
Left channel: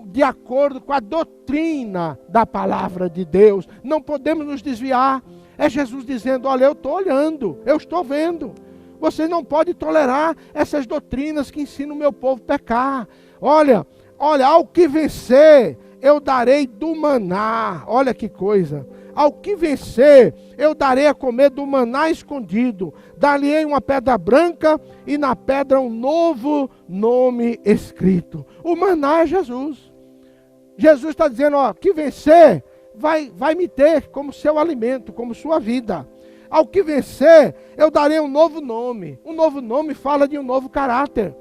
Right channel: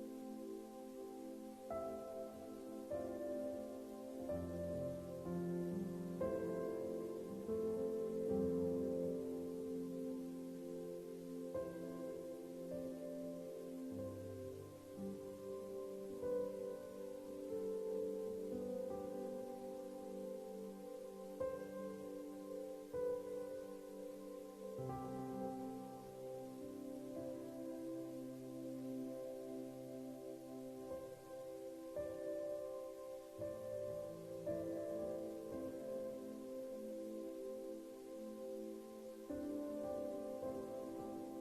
de acordo com a doutrina da palavra de Deus. Não podemos nos desviar. É Jesus dizendo: olha, eu estou olhando, eu estou vendo. Vocês não podem tolerar essas doutrinas que ensinam o meu povo a pecar. Olha, ao que vencer, eu darei do maná. Olha que coisa. Ao que vencer, eu darei a comer do maná escondido. Dar-lhe-ei uma pedra branca e na pedra um novo nome escrito. O maná é Jesus. Jesus está dizendo: ó, que vencer, vai me ter como seu alimento, como sua vida. Ao que vencer, eu darei um novo nome. Um novo nome fala de um novo caráter.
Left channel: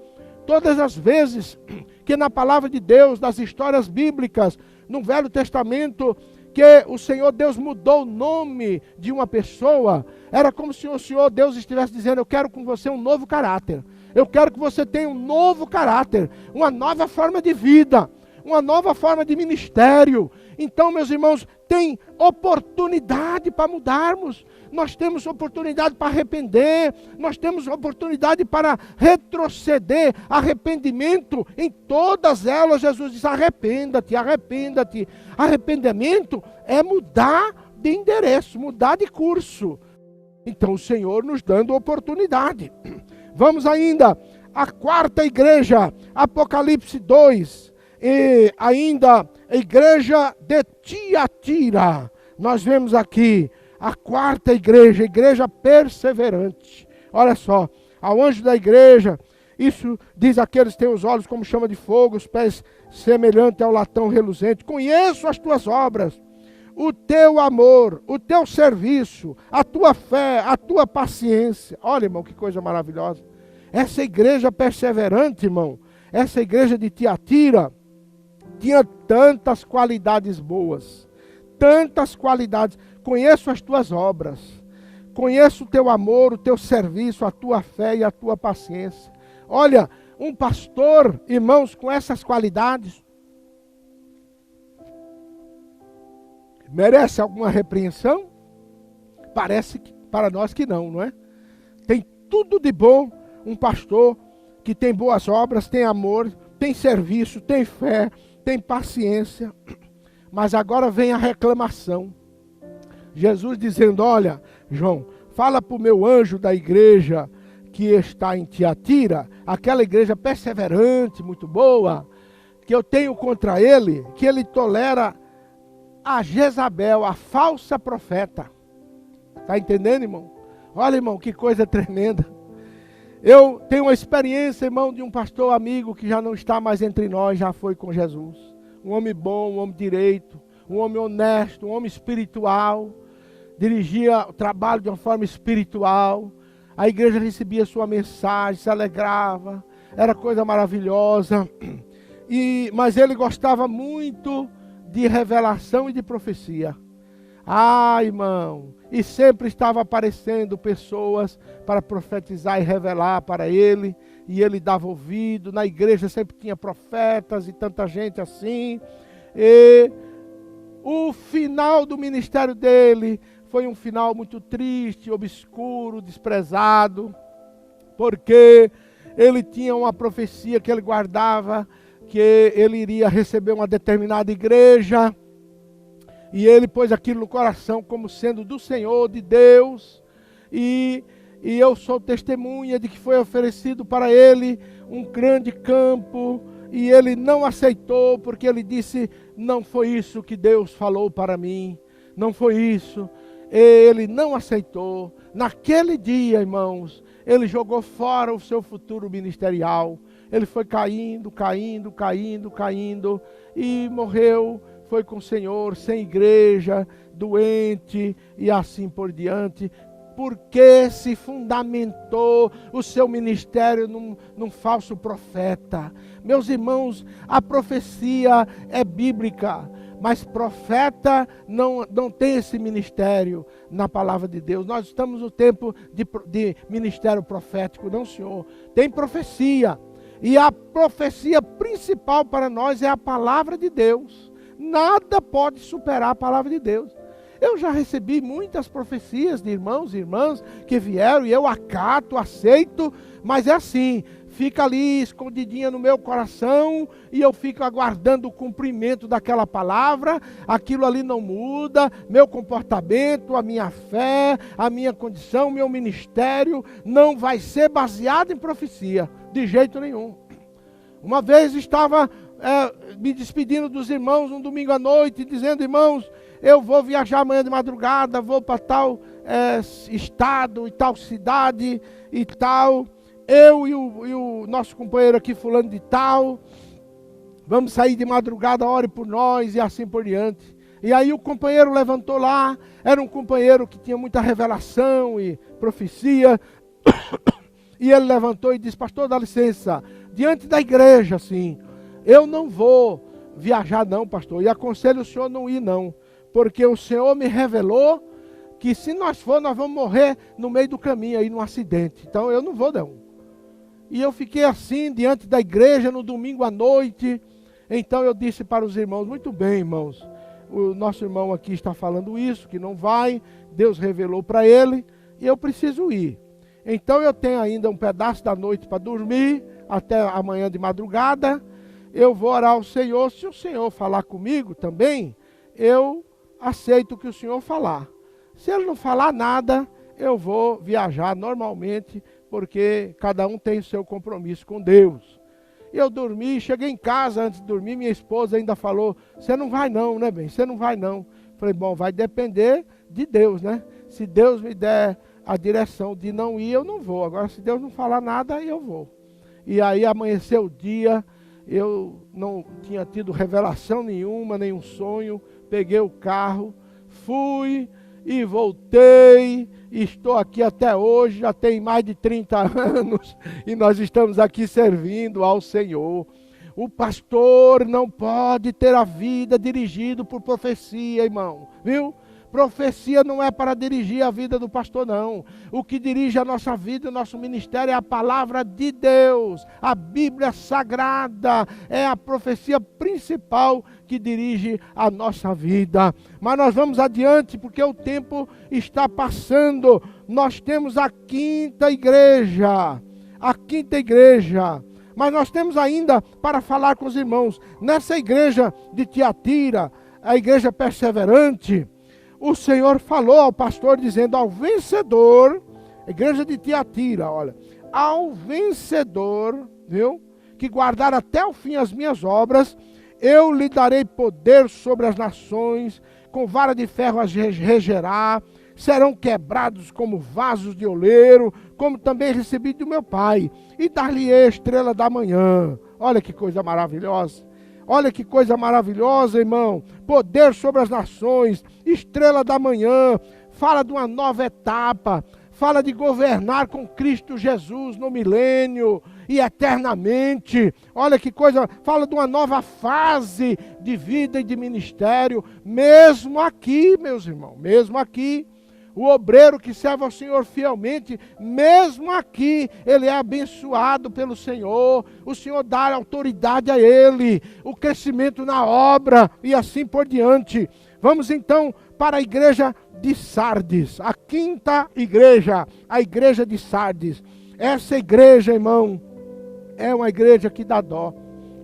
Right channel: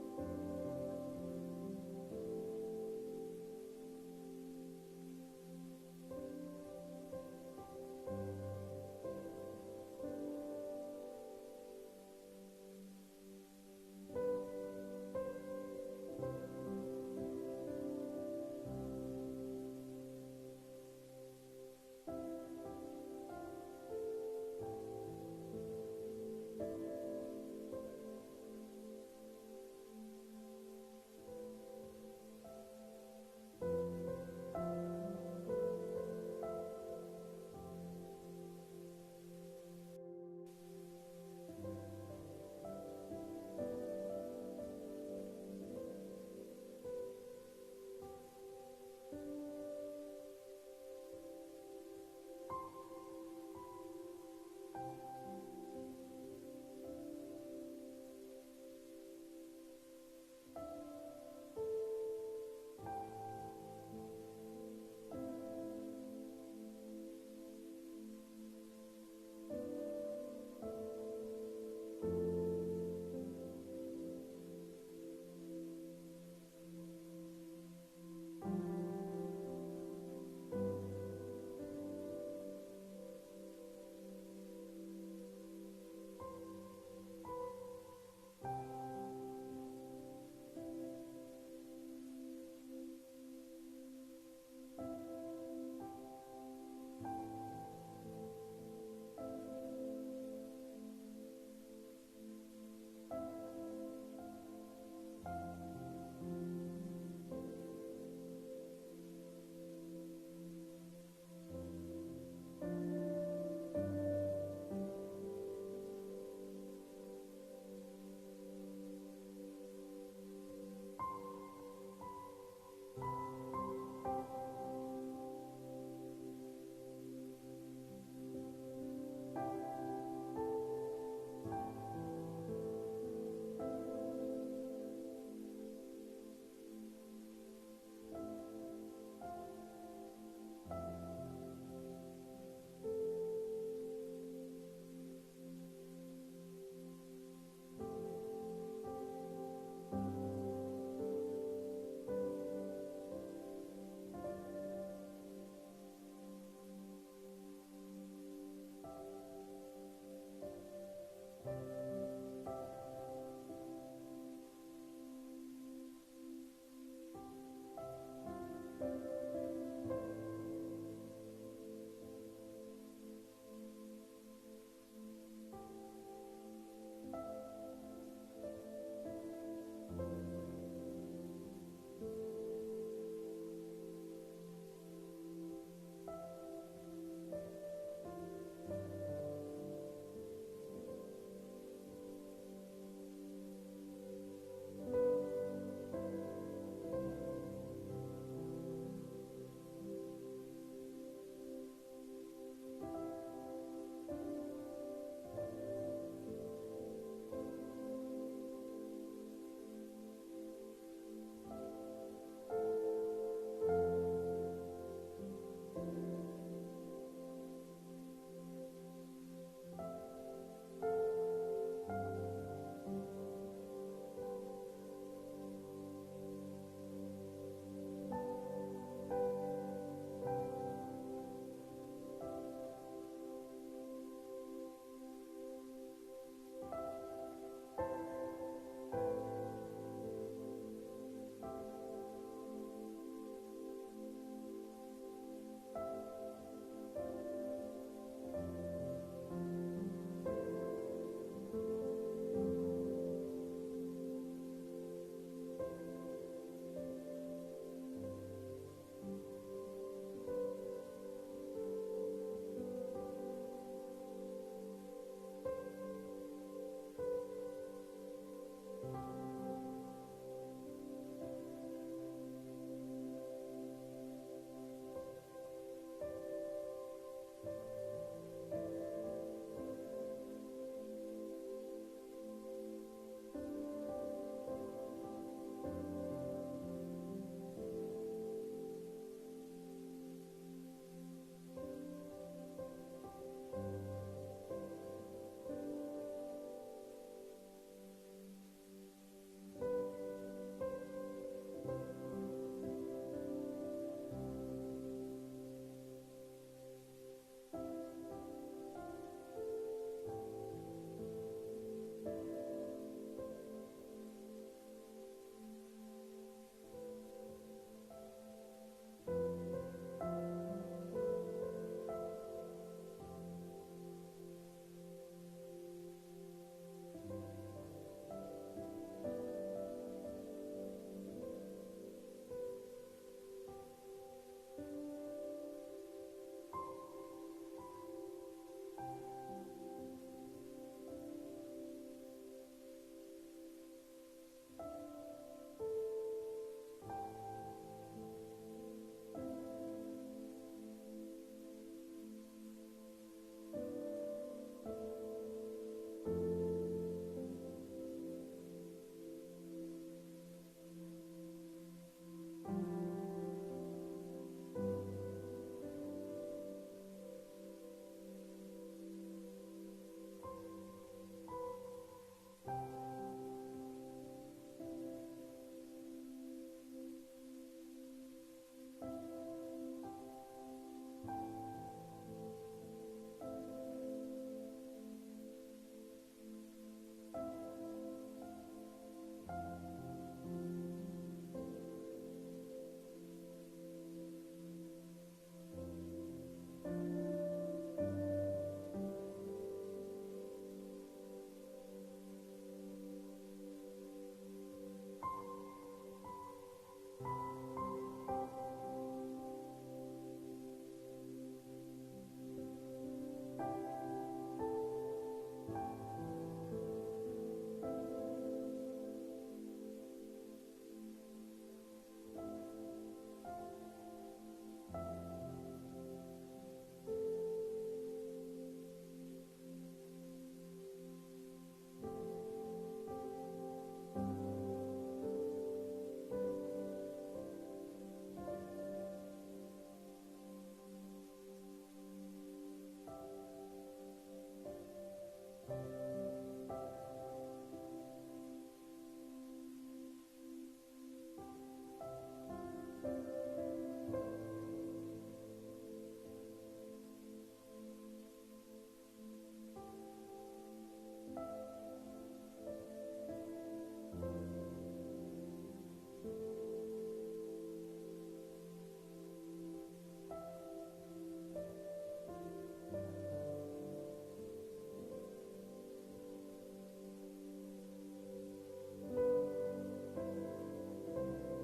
Todas as vezes que na palavra de Deus, nas histórias bíblicas, no Velho Testamento, que o Senhor Deus mudou o nome de uma pessoa, era como se o Senhor Deus estivesse dizendo: eu quero com você um novo caráter. Eu quero que você tenha um novo caráter, uma nova forma de vida, uma nova forma de ministério. Então, meus irmãos, tem oportunidade para mudarmos. Nós temos oportunidade para arrepender. Nós temos oportunidade para retroceder. Arrependimento, em todas elas, Jesus diz: arrependa-te, arrependa-te. Arrependimento é mudar de endereço, mudar de curso. Então, o Senhor nos dando oportunidade. Vamos ainda à quarta igreja, Apocalipse 2. E ainda a igreja de Tiatira. Nós vemos aqui a quarta igreja, a igreja perseverante. Olha só, ao anjo da igreja, isso diz aqueles que têm os olhos como chama de fogo, os pés semelhantes ao latão reluzente. Conheço as tuas obras, o teu amor, o teu serviço, a tua fé, a tua paciência. Olha, irmão, que coisa maravilhosa. Essa igreja perseverante, irmão, essa igreja de Tiatira, tinha tantas qualidades boas, tantas qualidades. Conheço as tuas obras, conheço o teu amor, o teu serviço, a tua fé e a tua paciência. Olha, um pastor, irmãos, com essas qualidades, merece alguma repreensão? Parece que, para nós que não, não é? Tem tudo de bom um pastor que tem boas obras, tem amor, tem serviço, tem fé, tem paciência. Mas agora vem a reclamação. Jesus dizendo: olha, João, fala para o meu anjo da igreja que está em Tiatira, aquela igreja perseverante, muito boa, que eu tenho contra ele, que ele tolera a Jezabel, a falsa profeta. Está entendendo, irmão? Olha, irmão, que coisa tremenda. Eu tenho uma experiência, irmão, de um pastor amigo que já não está mais entre nós, já foi com Jesus. Um homem bom, um homem direito, um homem honesto, um homem espiritual. Dirigia o trabalho de uma forma espiritual. A igreja recebia sua mensagem, se alegrava, era coisa maravilhosa. Mas ele gostava muito de revelação e de profecia. Ah, irmão, e sempre estava aparecendo pessoas para profetizar e revelar para ele, e ele dava ouvido. Na igreja sempre tinha profetas e tanta gente assim. E o final do ministério dele foi um final muito triste, obscuro, desprezado, porque ele tinha uma profecia que ele guardava, que ele iria receber uma determinada igreja, e ele pôs aquilo no coração como sendo do Senhor, de Deus, e eu sou testemunha de que foi oferecido para ele um grande campo, e ele não aceitou, porque ele disse: não foi isso que Deus falou para mim, não foi isso. Ele não aceitou. Naquele dia, irmãos, ele jogou fora o seu futuro ministerial. Ele foi caindo, e morreu. Foi com o Senhor, sem igreja, doente e assim por diante. porque se fundamentou o seu ministério num falso profeta. Meus irmãos, a profecia é bíblica, mas profeta não tem esse ministério na palavra de Deus. Nós estamos no tempo de ministério profético, não, senhor. Tem profecia, e a profecia principal para nós é a palavra de Deus. Nada pode superar a palavra de Deus. Eu já recebi muitas profecias de irmãos e irmãs que vieram e eu acato, aceito, mas é assim, fica ali escondidinha no meu coração e eu fico aguardando o cumprimento daquela palavra. Aquilo ali não muda, meu comportamento, a minha fé, a minha condição, meu ministério não vai ser baseado em profecia, de jeito nenhum. Uma vez estava me despedindo dos irmãos um domingo à noite, dizendo: irmãos, eu vou viajar amanhã de madrugada, vou para tal estado e tal cidade e tal. Eu e o nosso companheiro aqui, fulano de tal, vamos sair de madrugada, ore por nós e assim por diante. E aí o companheiro levantou lá, era um companheiro que tinha muita revelação e profecia, e ele levantou e disse: pastor, dá licença, diante da igreja, assim, eu não vou viajar não, pastor, e aconselho o senhor não ir não, porque o Senhor me revelou que se nós for, nós vamos morrer no meio do caminho aí, num acidente. Então eu não vou não. E eu fiquei assim, diante da igreja, no domingo à noite. Então eu disse para os irmãos: muito bem, irmãos, o nosso irmão aqui está falando isso, que não vai, Deus revelou para ele, e eu preciso ir. Então eu tenho ainda um pedaço da noite para dormir, até amanhã de madrugada. Eu vou orar ao Senhor. Se o Senhor falar comigo também, eu aceito o que o Senhor falar. Se Ele não falar nada, eu vou viajar normalmente, porque cada um tem o seu compromisso com Deus. Eu dormi, cheguei em casa antes de dormir, minha esposa ainda falou: você não vai não, né, bem? Você não vai não. Falei: bom, vai depender de Deus, né? Se Deus me der a direção de não ir, eu não vou. Agora, se Deus não falar nada, eu vou. E aí amanheceu o dia, eu não tinha tido revelação nenhuma, nenhum sonho. Peguei o carro, fui e voltei, e estou aqui até hoje, já tem mais de 30 anos, e nós estamos aqui servindo ao Senhor. O pastor não pode ter a vida dirigida por profecia, irmão, viu? Profecia não é para dirigir a vida do pastor, não. O que dirige a nossa vida, o nosso ministério, é a palavra de Deus. A Bíblia Sagrada é a profecia principal que dirige a nossa vida. Mas nós vamos adiante, porque o tempo está passando. Nós temos a quinta igreja. A quinta igreja. Mas nós temos ainda para falar com os irmãos. Nessa igreja de Tiatira, a igreja perseverante, o Senhor falou ao pastor dizendo: ao vencedor, a igreja de Tiatira, olha, ao vencedor, viu, que guardar até o fim as minhas obras, eu lhe darei poder sobre as nações, com vara de ferro as regerá, serão quebrados como vasos de oleiro, como também recebi do meu Pai, e dar-lhe-ei a estrela da manhã. Olha que coisa maravilhosa. Olha que coisa maravilhosa, irmão. Poder sobre as nações, estrela da manhã, fala de uma nova etapa, fala de governar com Cristo Jesus no milênio e eternamente. Olha que coisa, fala de uma nova fase de vida e de ministério, mesmo aqui, meus irmãos, mesmo aqui. O obreiro que serve ao Senhor fielmente, mesmo aqui, ele é abençoado pelo Senhor. O Senhor dá autoridade a ele, o crescimento na obra e assim por diante. Vamos então para a igreja de Sardes, a quinta igreja, a igreja de Sardes. Essa igreja, irmão, é uma igreja que dá dó.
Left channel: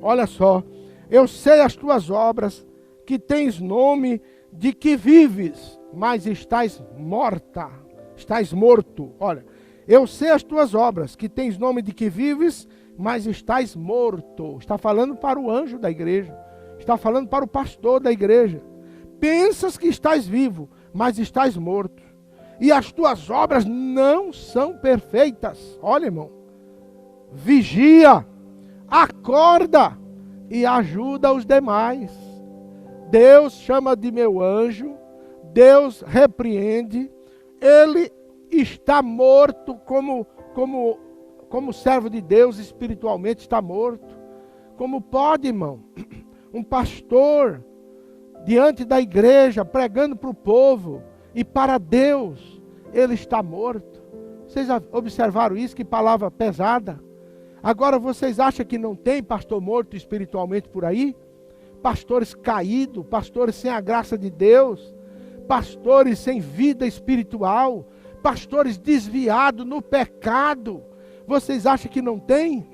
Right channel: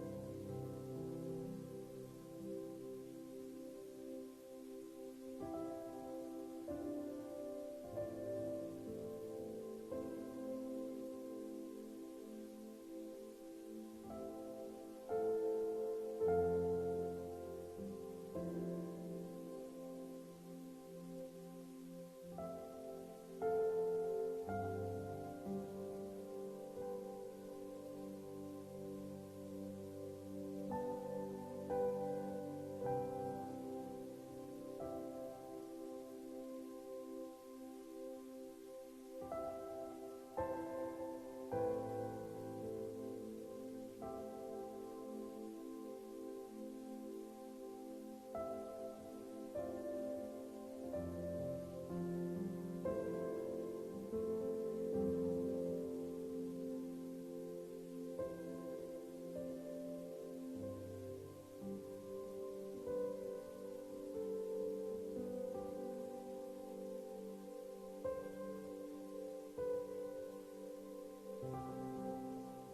Olha só, eu sei as tuas obras, que tens nome de que vives, mas estás morta, estás morto. Olha, eu sei as tuas obras, que tens nome de que vives, mas estás morto. Está falando para o anjo da igreja, está falando para o pastor da igreja. Pensas que estás vivo, mas estás morto, e as tuas obras não são perfeitas. Olha, irmão, vigia, acorda e ajuda os demais. Deus chama de meu anjo, Deus repreende, Ele está morto como servo de Deus, espiritualmente está morto. Como pode, irmão, um pastor diante da igreja, pregando para o povo e para Deus, ele está morto? Vocês observaram isso? Que palavra pesada. Agora vocês acham que não tem pastor morto espiritualmente por aí? Pastores caídos, pastores sem a graça de Deus, pastores sem vida espiritual, pastores desviados no pecado. Vocês acham que não tem?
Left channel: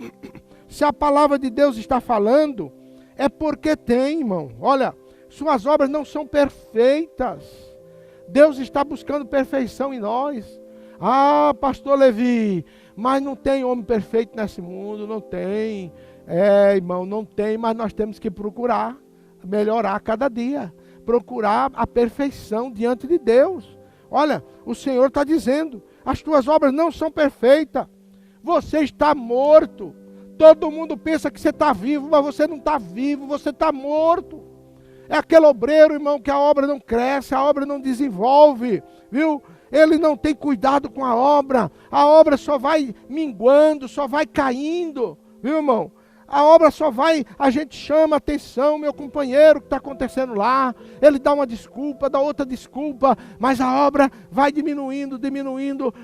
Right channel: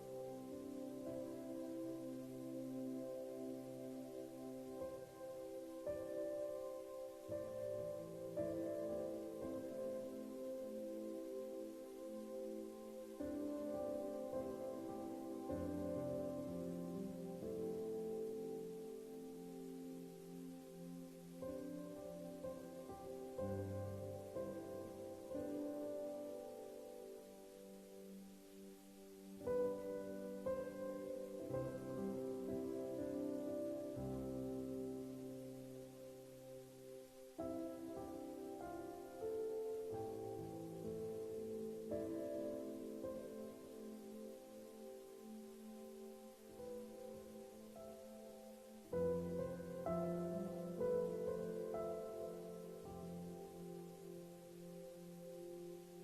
Se a palavra de Deus está falando, é porque tem, irmão. Olha, suas obras não são perfeitas. Deus está buscando perfeição em nós. Ah, pastor Levi, mas não tem homem perfeito nesse mundo, não tem. É, irmão, não tem, mas nós temos que procurar melhorar cada dia. Procurar a perfeição diante de Deus. Olha, o Senhor está dizendo, as tuas obras não são perfeitas. Você está morto. Todo mundo pensa que você está vivo, mas você não está vivo, você está morto. É aquele obreiro, irmão, que a obra não cresce, a obra não desenvolve, viu? Ele não tem cuidado com a obra só vai minguando, só vai caindo, viu, irmão? A obra só vai, a gente chama atenção, meu companheiro, o que está acontecendo lá, ele dá uma desculpa, dá outra desculpa, mas a obra vai diminuindo,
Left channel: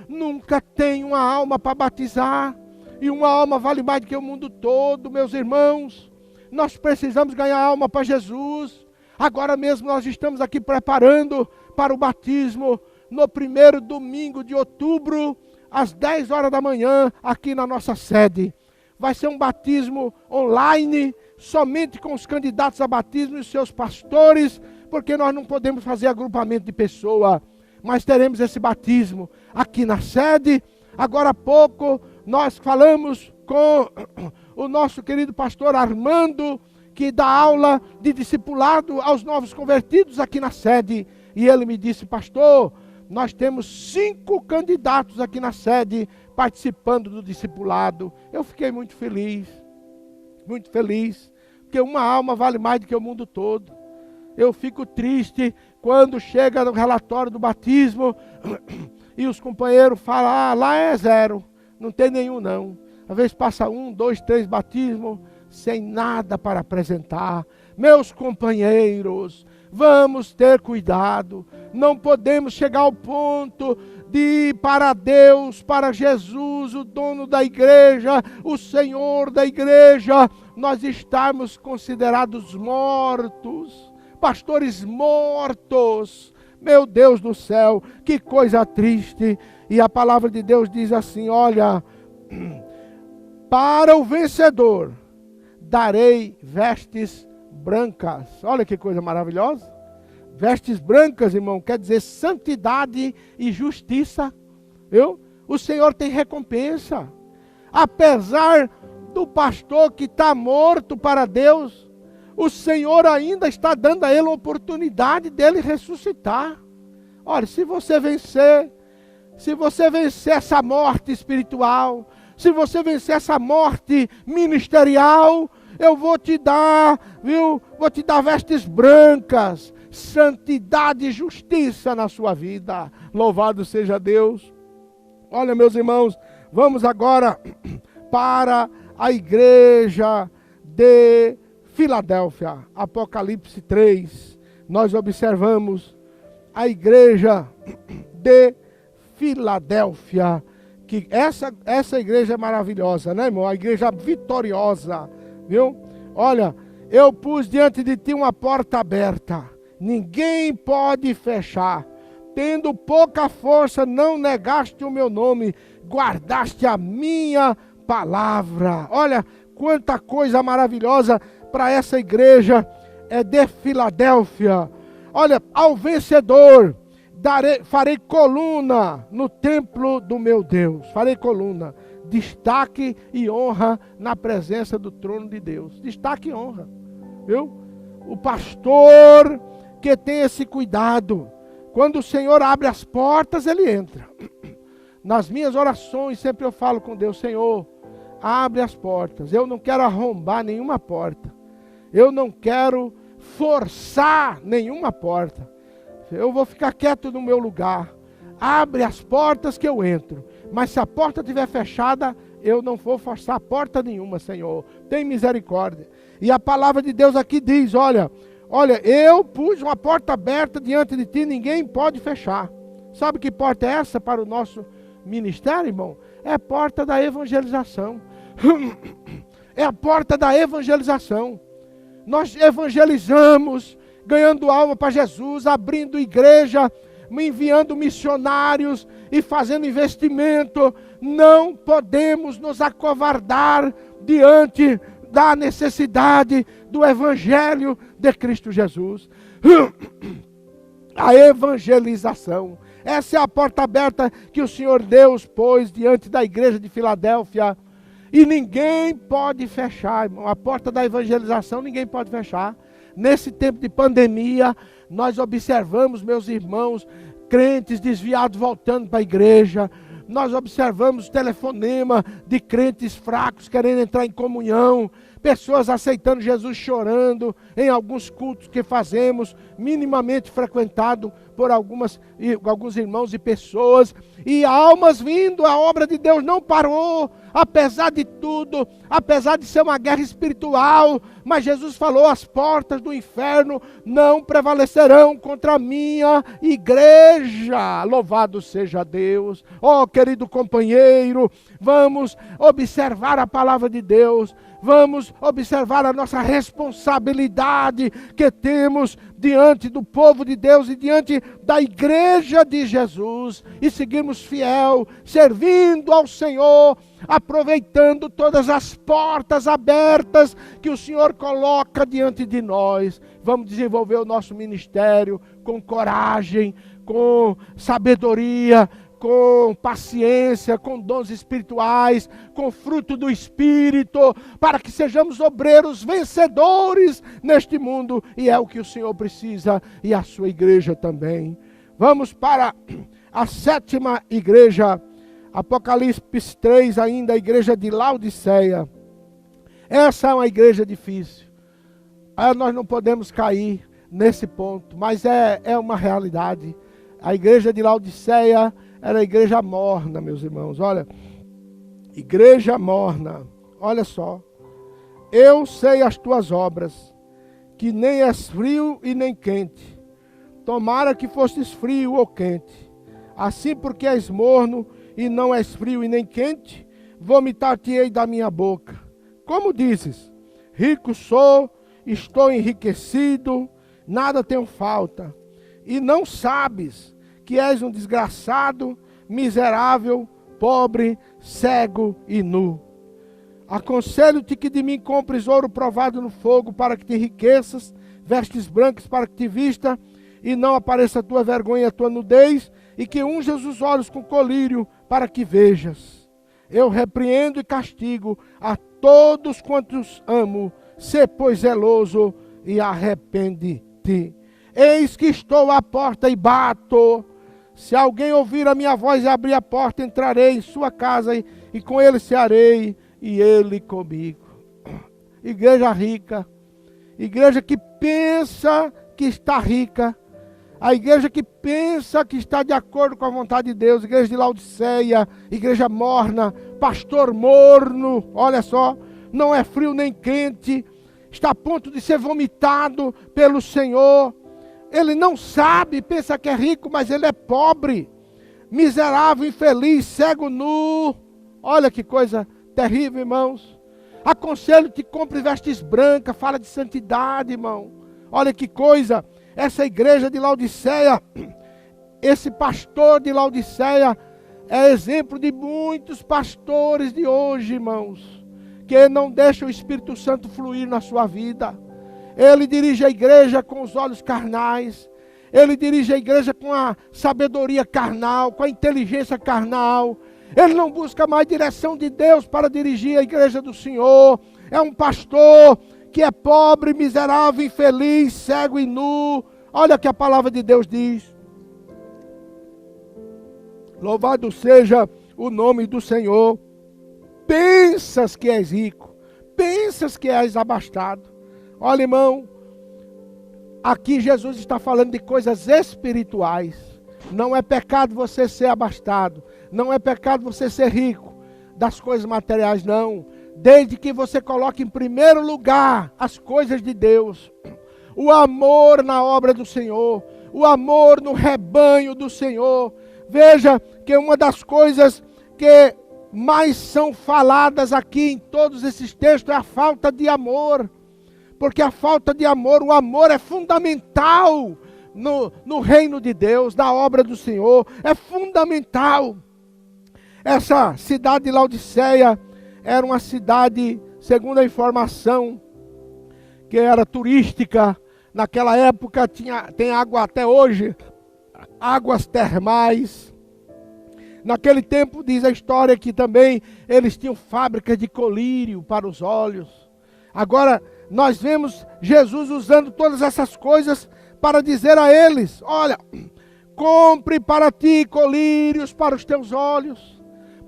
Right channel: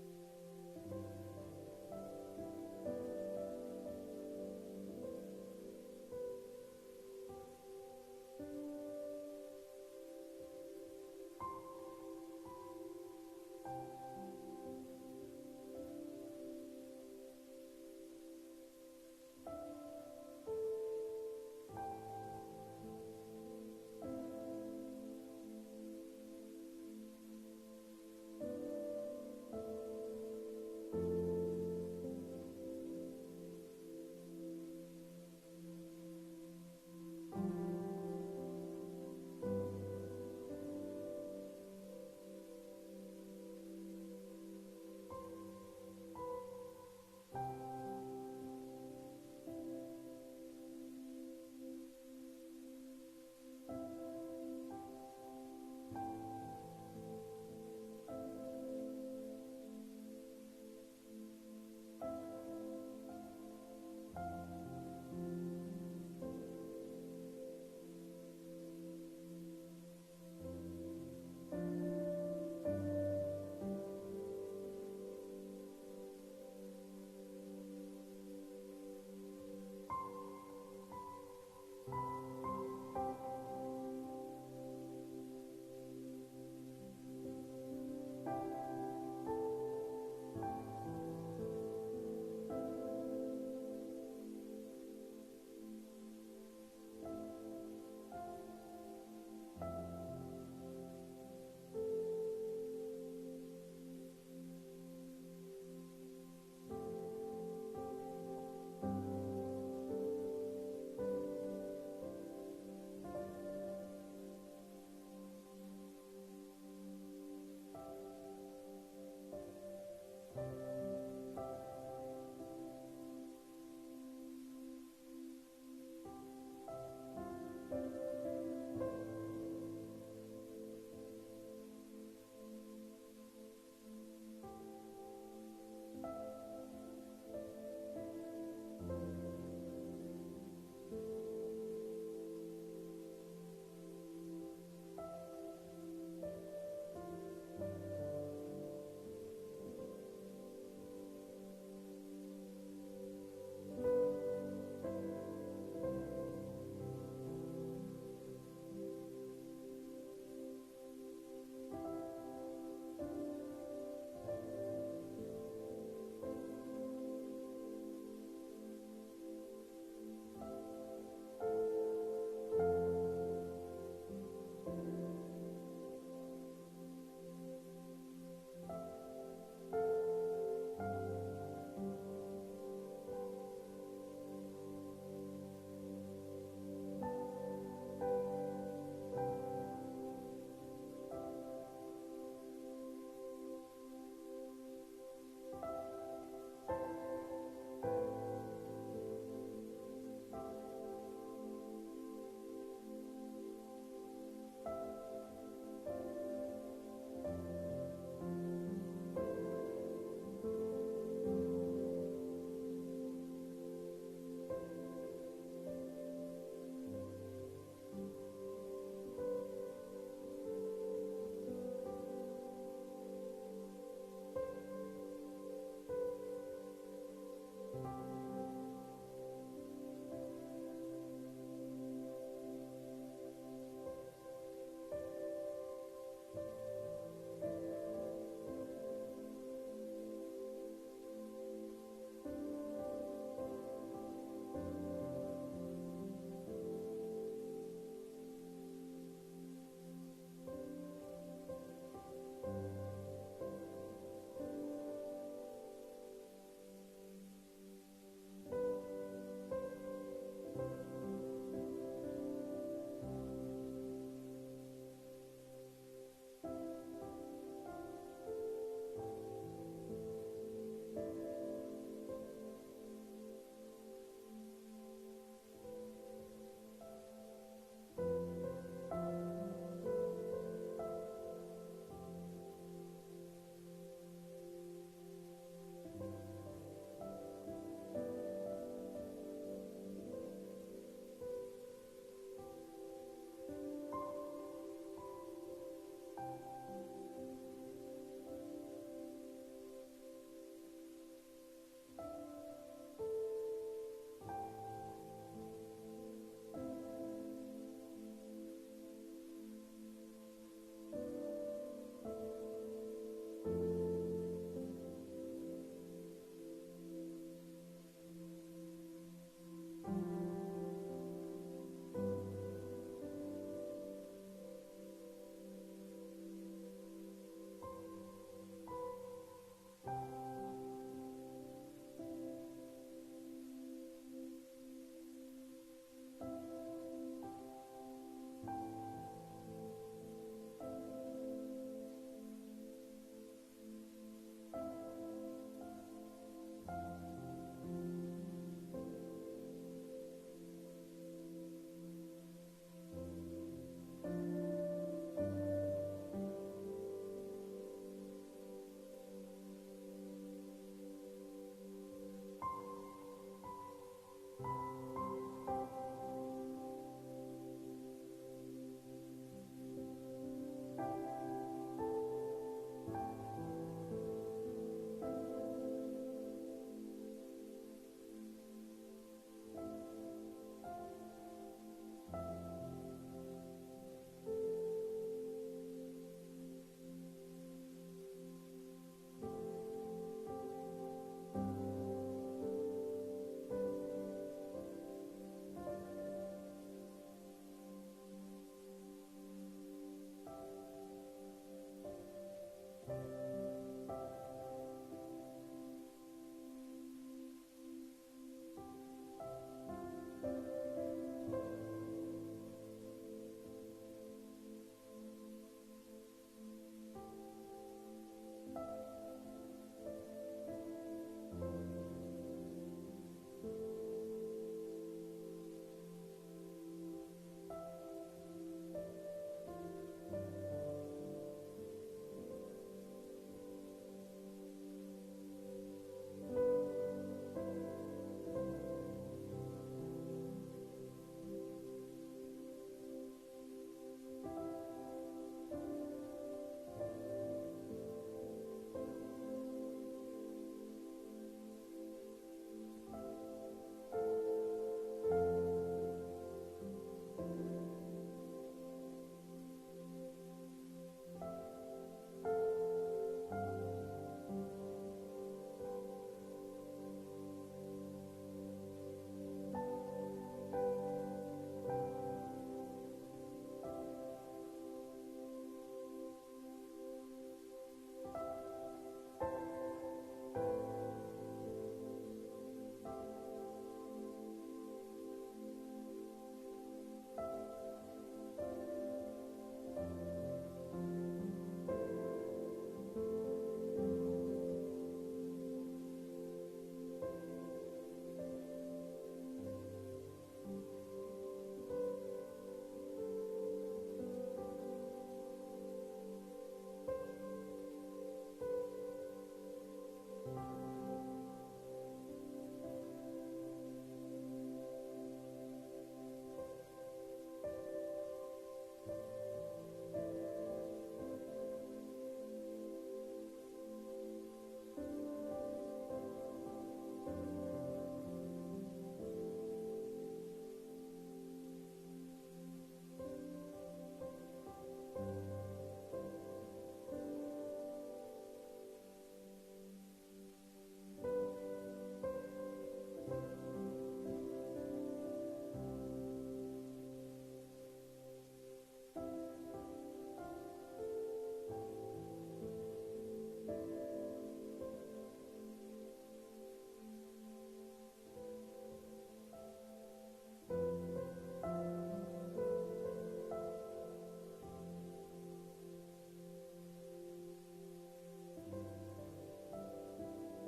nunca tem uma alma para batizar, e uma alma vale mais do que o mundo todo, meus irmãos. Nós precisamos ganhar alma para Jesus. Agora mesmo nós estamos aqui preparando para o batismo, no primeiro domingo de outubro, às 10 horas da manhã, aqui na nossa sede. Vai ser um batismo online, somente com os candidatos a batismo e os seus pastores, porque nós não podemos fazer agrupamento de pessoa, mas teremos esse batismo aqui na sede. Agora há pouco, nós falamos com o nosso querido pastor Armando, que dá aula de discipulado aos novos convertidos aqui na sede, e ele me disse: pastor, nós temos 5 candidatos aqui na sede participando do discipulado. Eu fiquei muito feliz, porque uma alma vale mais do que o mundo todo. Eu fico triste quando chega no relatório do batismo e os companheiros falam: ah, lá é 0, não tem nenhum não. Às vezes passa 1, 2, 3 batismos sem nada para apresentar. Meus companheiros, vamos ter cuidado. Não podemos chegar ao ponto de ir para Deus, para Jesus, o dono da igreja, o Senhor da igreja, nós estarmos considerados mortos, pastores mortos. Meu Deus do céu, que coisa triste. E a palavra de Deus diz assim: olha, para o vencedor darei vestes brancas. Olha que coisa maravilhosa. Vestes brancas, irmão, quer dizer santidade e justiça. Viu? O Senhor tem recompensa. Apesar do pastor que está morto para Deus, o Senhor ainda está dando a ele a oportunidade dele ressuscitar. Olha, se você vencer essa morte espiritual, se você vencer essa morte ministerial, eu vou te dar, viu? Vou te dar vestes brancas, santidade e justiça na sua vida. Louvado seja Deus. Olha, meus irmãos, vamos agora para a igreja de Filadélfia. Apocalipse 3. Nós observamos a igreja de Filadélfia. Que essa igreja é maravilhosa, né, irmão? A igreja vitoriosa, viu? Olha, eu pus diante de ti uma porta aberta. Ninguém pode fechar. Tendo pouca força, não negaste o meu nome, guardaste a minha palavra. Olha, quanta coisa maravilhosa para essa igreja de Filadélfia. Olha, ao vencedor farei coluna no templo do meu Deus. Farei coluna. Destaque e honra na presença do trono de Deus. Destaque e honra. Viu? O pastor que tem esse cuidado, quando o Senhor abre as portas, ele entra. Nas minhas orações sempre eu falo com Deus: Senhor, abre as portas. Eu não quero arrombar nenhuma porta. Eu não quero forçar nenhuma porta. Eu vou ficar quieto no meu lugar. abre as portas que eu entro. Mas se a porta estiver fechada, eu não vou forçar porta nenhuma, Senhor. Tem misericórdia. E a palavra de Deus aqui diz, olha, eu pus uma porta aberta diante de ti, ninguém pode fechar. Sabe que porta é essa para o nosso ministério, irmão? É a porta da evangelização. É a porta da evangelização. Nós evangelizamos, ganhando alma para Jesus, abrindo igreja, enviando missionários e fazendo investimento. Não podemos nos acovardar diante da necessidade do evangelho de Cristo Jesus. A evangelização. Essa é a porta aberta que o Senhor Deus pôs diante da igreja de Filadélfia. E ninguém pode fechar, irmão. A porta da evangelização ninguém pode fechar. Nesse tempo de pandemia, nós observamos, meus irmãos, crentes desviados voltando para a igreja. Nós observamos telefonema de crentes fracos querendo entrar em comunhão. Pessoas aceitando Jesus chorando em alguns cultos que fazemos, minimamente frequentado por alguns irmãos e pessoas. E almas vindo, a obra de Deus não parou, apesar de tudo, apesar de ser uma guerra espiritual. Mas Jesus falou, as portas do inferno não prevalecerão contra a minha igreja. Louvado seja Deus. Oh, querido companheiro, vamos observar a palavra de Deus. Vamos observar a nossa responsabilidade que temos diante do povo de Deus e diante da igreja de Jesus. E seguirmos fiel, servindo ao Senhor, aproveitando todas as portas abertas que o Senhor coloca diante de nós. Vamos desenvolver o nosso ministério com coragem, com sabedoria, com paciência, com dons espirituais, com fruto do Espírito, para que sejamos obreiros vencedores neste mundo, e é o que o Senhor precisa, e a sua igreja também. Vamos para a 7ª igreja, Apocalipse 3, ainda a igreja de Laodiceia. Essa é uma igreja difícil, nós não podemos cair nesse ponto, mas é uma realidade. A igreja de Laodiceia era a igreja morna, meus irmãos. Olha, igreja morna. Olha só. Eu sei as tuas obras, que nem és frio e nem quente. Tomara que fosses frio ou quente. Assim, porque és morno e não és frio e nem quente, vomitar-te-ei da minha boca. Como dizes, rico sou, estou enriquecido, nada tenho falta. E não sabes que és um desgraçado, miserável, pobre, cego e nu. Aconselho-te que de mim compres ouro provado no fogo, para que te enriqueças, vestes brancas para que te vista, e não apareça a tua vergonha e a tua nudez, e que unjas os olhos com colírio, para que vejas. Eu repreendo e castigo a todos quantos amo, sê pois zeloso e arrepende-te. Eis que estou à porta e bato. Se alguém ouvir a minha voz e abrir a porta, entrarei em sua casa e com ele cearei e ele comigo. Igreja rica, igreja que pensa que está rica, a igreja que pensa que está de acordo com a vontade de Deus, igreja de Laodiceia, igreja morna, pastor morno, olha só, não é frio nem quente, está a ponto de ser vomitado pelo Senhor. Ele não sabe, pensa que é rico, mas ele é pobre, miserável, infeliz, cego, nu. Olha que coisa terrível, irmãos. Aconselho-te, compre vestes brancas, fala de santidade, irmão. Olha que coisa, essa igreja de Laodiceia, esse pastor de Laodiceia, é exemplo de muitos pastores de hoje, irmãos, que não deixam o Espírito Santo fluir na sua vida. Ele dirige a igreja com os olhos carnais. Ele dirige a igreja com a sabedoria carnal, com a inteligência carnal. Ele não busca mais direção de Deus para dirigir a igreja do Senhor. É um pastor que é pobre, miserável, infeliz, cego e nu. Olha o que a palavra de Deus diz. Louvado seja o nome do Senhor. Pensas que és rico, pensas que és abastado. Olha, irmão, aqui Jesus está falando de coisas espirituais. Não é pecado você ser abastado. Não é pecado você ser rico das coisas materiais, não. Desde que você coloque em primeiro lugar as coisas de Deus. O amor na obra do Senhor. O amor no rebanho do Senhor. Veja que uma das coisas que mais são faladas aqui em todos esses textos é a falta de amor. Porque a falta de amor, o amor é fundamental no reino de Deus, na obra do Senhor. É fundamental. Essa cidade de Laodiceia era uma cidade, segundo a informação, que era turística. Naquela época tem água até hoje, águas termais. Naquele tempo, diz a história, que também eles tinham fábricas de colírio para os olhos. Agora, nós vemos Jesus usando todas essas coisas para dizer a eles: olha, compre para ti colírios para os teus olhos.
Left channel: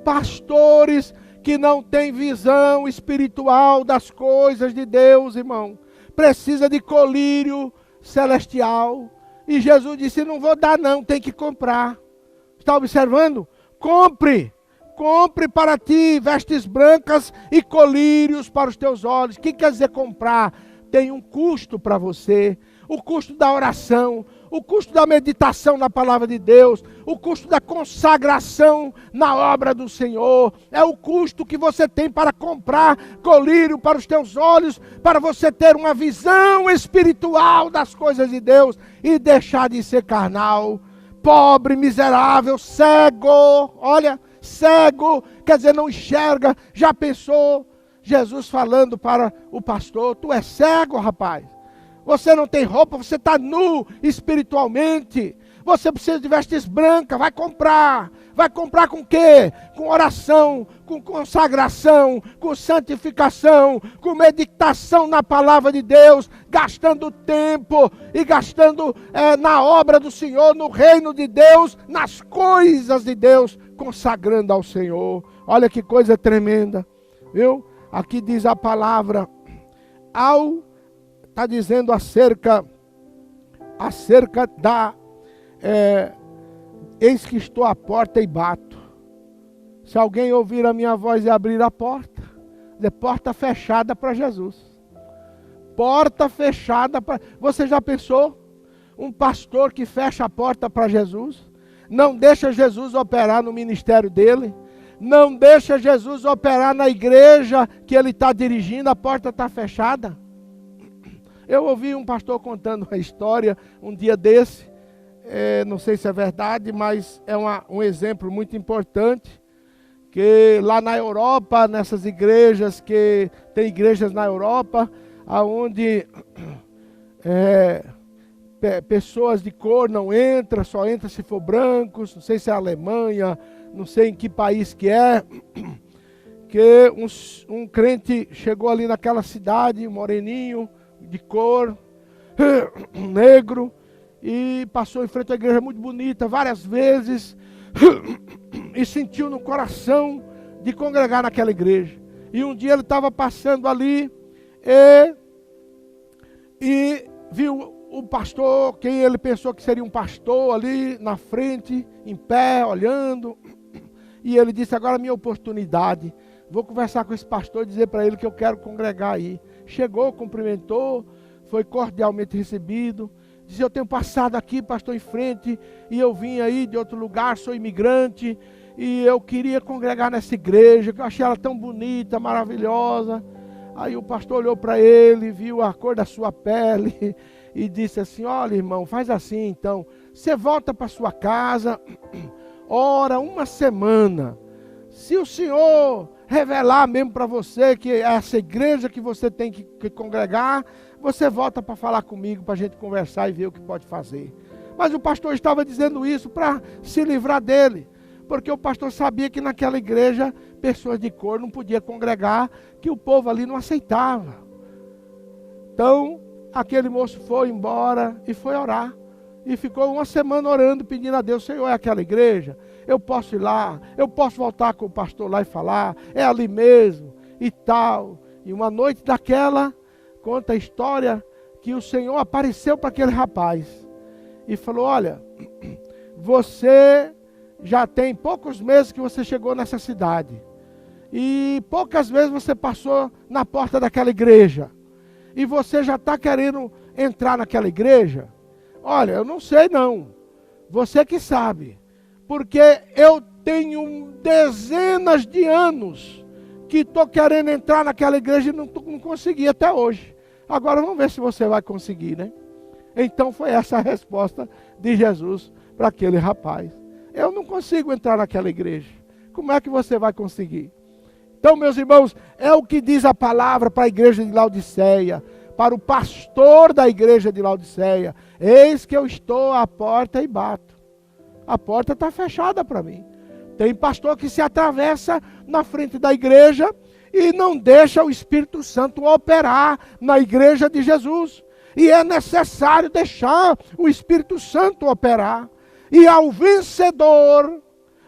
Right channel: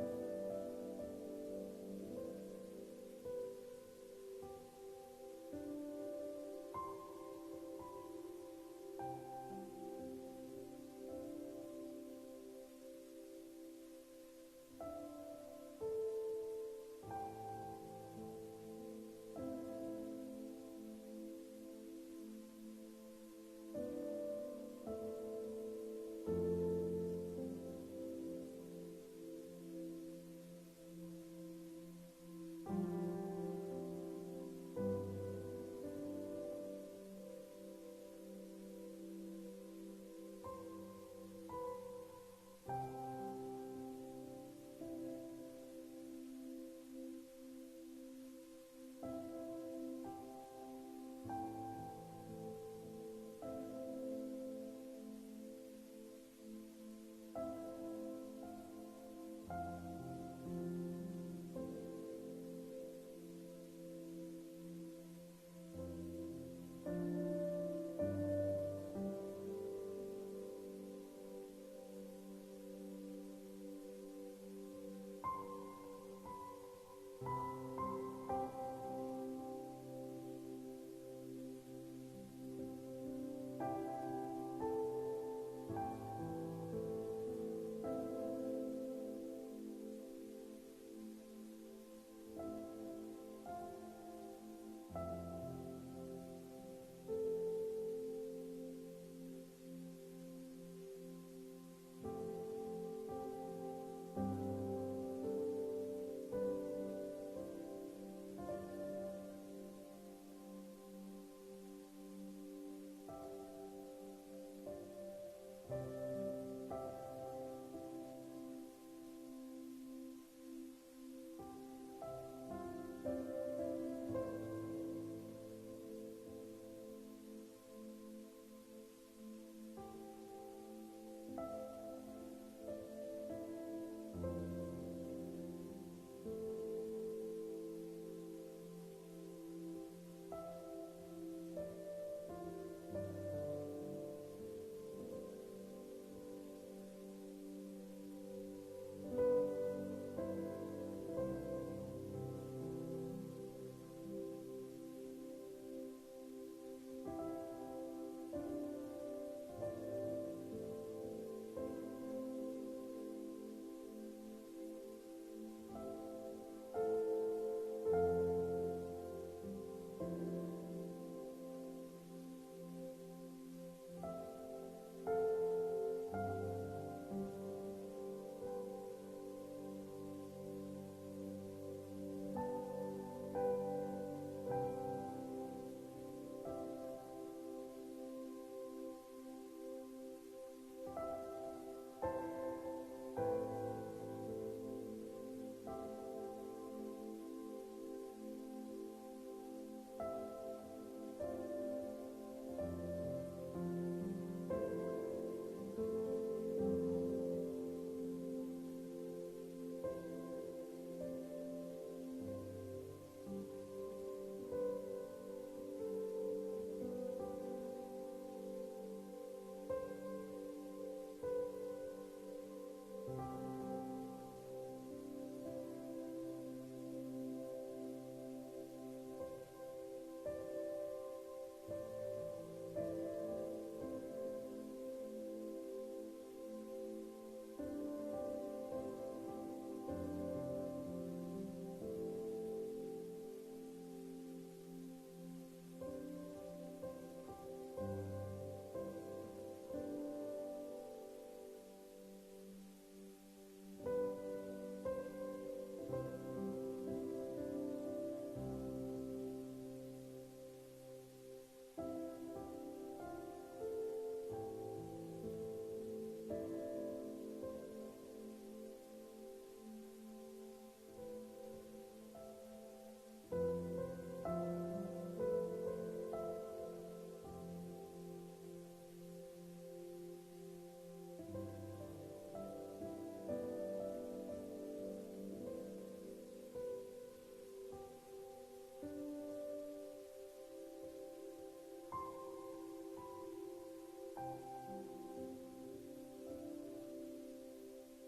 Pastores que não têm visão espiritual das coisas de Deus, irmão, precisa de colírio celestial. E Jesus disse: não vou dar não, tem que comprar. Está observando? Compre para ti vestes brancas e colírios para os teus olhos. O que quer dizer comprar? Tem um custo para você. O custo da oração, o custo da meditação na palavra de Deus, o custo da consagração na obra do Senhor. É o custo que você tem para comprar colírio para os teus olhos, para você ter uma visão espiritual das coisas de Deus e deixar de ser carnal, pobre, miserável, cego. Olha, cego, quer dizer, não enxerga. Já pensou Jesus falando para o pastor: tu és cego, rapaz. Você não tem roupa, você está nu espiritualmente. Você precisa de vestes brancas, vai comprar. Vai comprar com o quê? Com oração, com consagração, com santificação, com meditação na palavra de Deus, gastando tempo e gastando na obra do Senhor, no reino de Deus, nas coisas de Deus, consagrando ao Senhor. Olha que coisa tremenda, viu? Aqui diz a palavra, está dizendo acerca da, eis que estou à porta e bato. Se alguém ouvir a minha voz e abrir a porta, é porta fechada para Jesus. Porta fechada para... Você já pensou? Um pastor que fecha a porta para Jesus? Não deixa Jesus operar no ministério dele? Não deixa Jesus operar na igreja que ele está dirigindo? A porta está fechada? Eu ouvi um pastor contando uma história um dia desse, não sei se é verdade, mas é um exemplo muito importante, que lá na Europa, nessas igrejas, que tem igrejas na Europa, onde pessoas de cor não entram, só entra se for brancos, não sei se é a Alemanha, não sei em que país que é, que um crente chegou ali naquela cidade, um moreninho, de cor, negro, e passou em frente à igreja muito bonita várias vezes, e sentiu no coração de congregar naquela igreja. E um dia ele estava passando ali e viu o pastor, quem ele pensou que seria um pastor ali na frente, em pé, olhando, e ele disse: agora é a minha oportunidade, vou conversar com esse pastor e dizer para ele que eu quero congregar aí. Chegou, cumprimentou, foi cordialmente recebido. Disse: eu tenho passado aqui, pastor, em frente, e eu vim aí de outro lugar, sou imigrante, e eu queria congregar nessa igreja, que eu achei ela tão bonita, maravilhosa. Aí o pastor olhou para ele, viu a cor da sua pele, e disse assim: olha, irmão, faz assim então, você volta para sua casa, ora uma semana, se o Senhor revelar mesmo para você que é essa igreja que você tem que congregar, você volta para falar comigo, para a gente conversar e ver o que pode fazer. Mas o pastor estava dizendo isso para se livrar dele, porque o pastor sabia que naquela igreja pessoas de cor não podiam congregar, que o povo ali não aceitava. Então aquele moço foi embora e foi orar, e ficou uma semana orando, pedindo a Deus: Senhor, é aquela igreja? Eu posso ir lá, eu posso voltar com o pastor lá e falar, é ali mesmo e tal. E uma noite daquela, conta a história que o Senhor apareceu para aquele rapaz e falou: olha, você já tem poucos meses que você chegou nessa cidade. E poucas vezes você passou na porta daquela igreja. E você já está querendo entrar naquela igreja? Olha, eu não sei não. Você que sabe. Porque eu tenho dezenas de anos que estou querendo entrar naquela igreja e não consegui até hoje. Agora vamos ver se você vai conseguir, né? Então foi essa a resposta de Jesus para aquele rapaz. Eu não consigo entrar naquela igreja. Como é que você vai conseguir? Então, meus irmãos, é o que diz a palavra para a igreja de Laodiceia, para o pastor da igreja de Laodiceia. Eis que eu estou à porta e bato. A porta está fechada para mim. Tem pastor que se atravessa na frente da igreja e não deixa o Espírito Santo operar na igreja de Jesus. E é necessário deixar o Espírito Santo operar. E ao vencedor,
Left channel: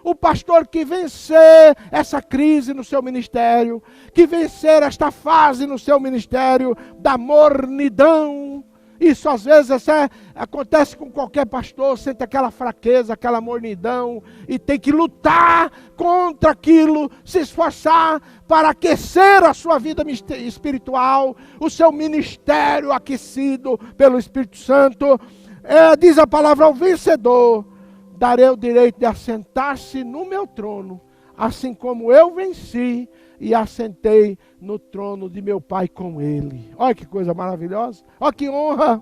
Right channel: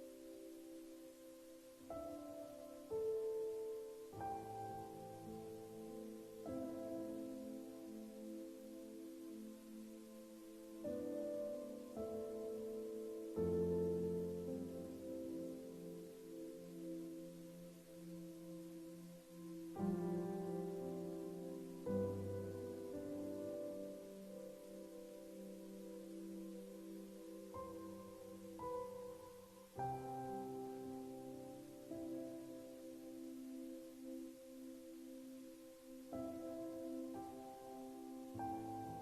o pastor que vencer essa crise no seu ministério, que vencer esta fase no seu ministério da mornidão, isso às vezes acontece com qualquer pastor, sente aquela fraqueza, aquela mornidão, e tem que lutar contra aquilo, se esforçar para aquecer a sua vida espiritual, o seu ministério aquecido pelo Espírito Santo. Diz a palavra ao vencedor: darei o direito de assentar-se no meu trono, assim como eu venci e assentei no trono de meu Pai com ele. Olha que coisa maravilhosa, olha que honra,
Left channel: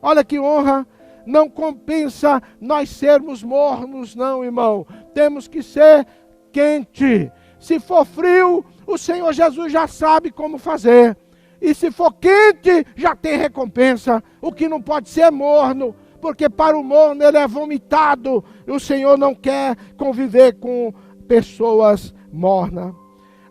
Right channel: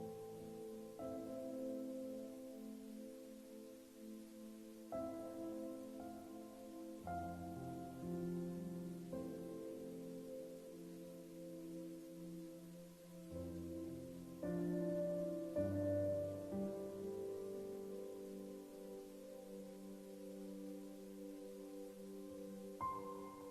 olha que honra. Não compensa nós sermos mornos, não, irmão. Temos que ser quente. Se for frio, o Senhor Jesus já sabe como fazer. E se for quente, já tem recompensa. O que não pode ser é morno, porque para o morno ele é vomitado. E o Senhor não quer conviver com pessoas mornas.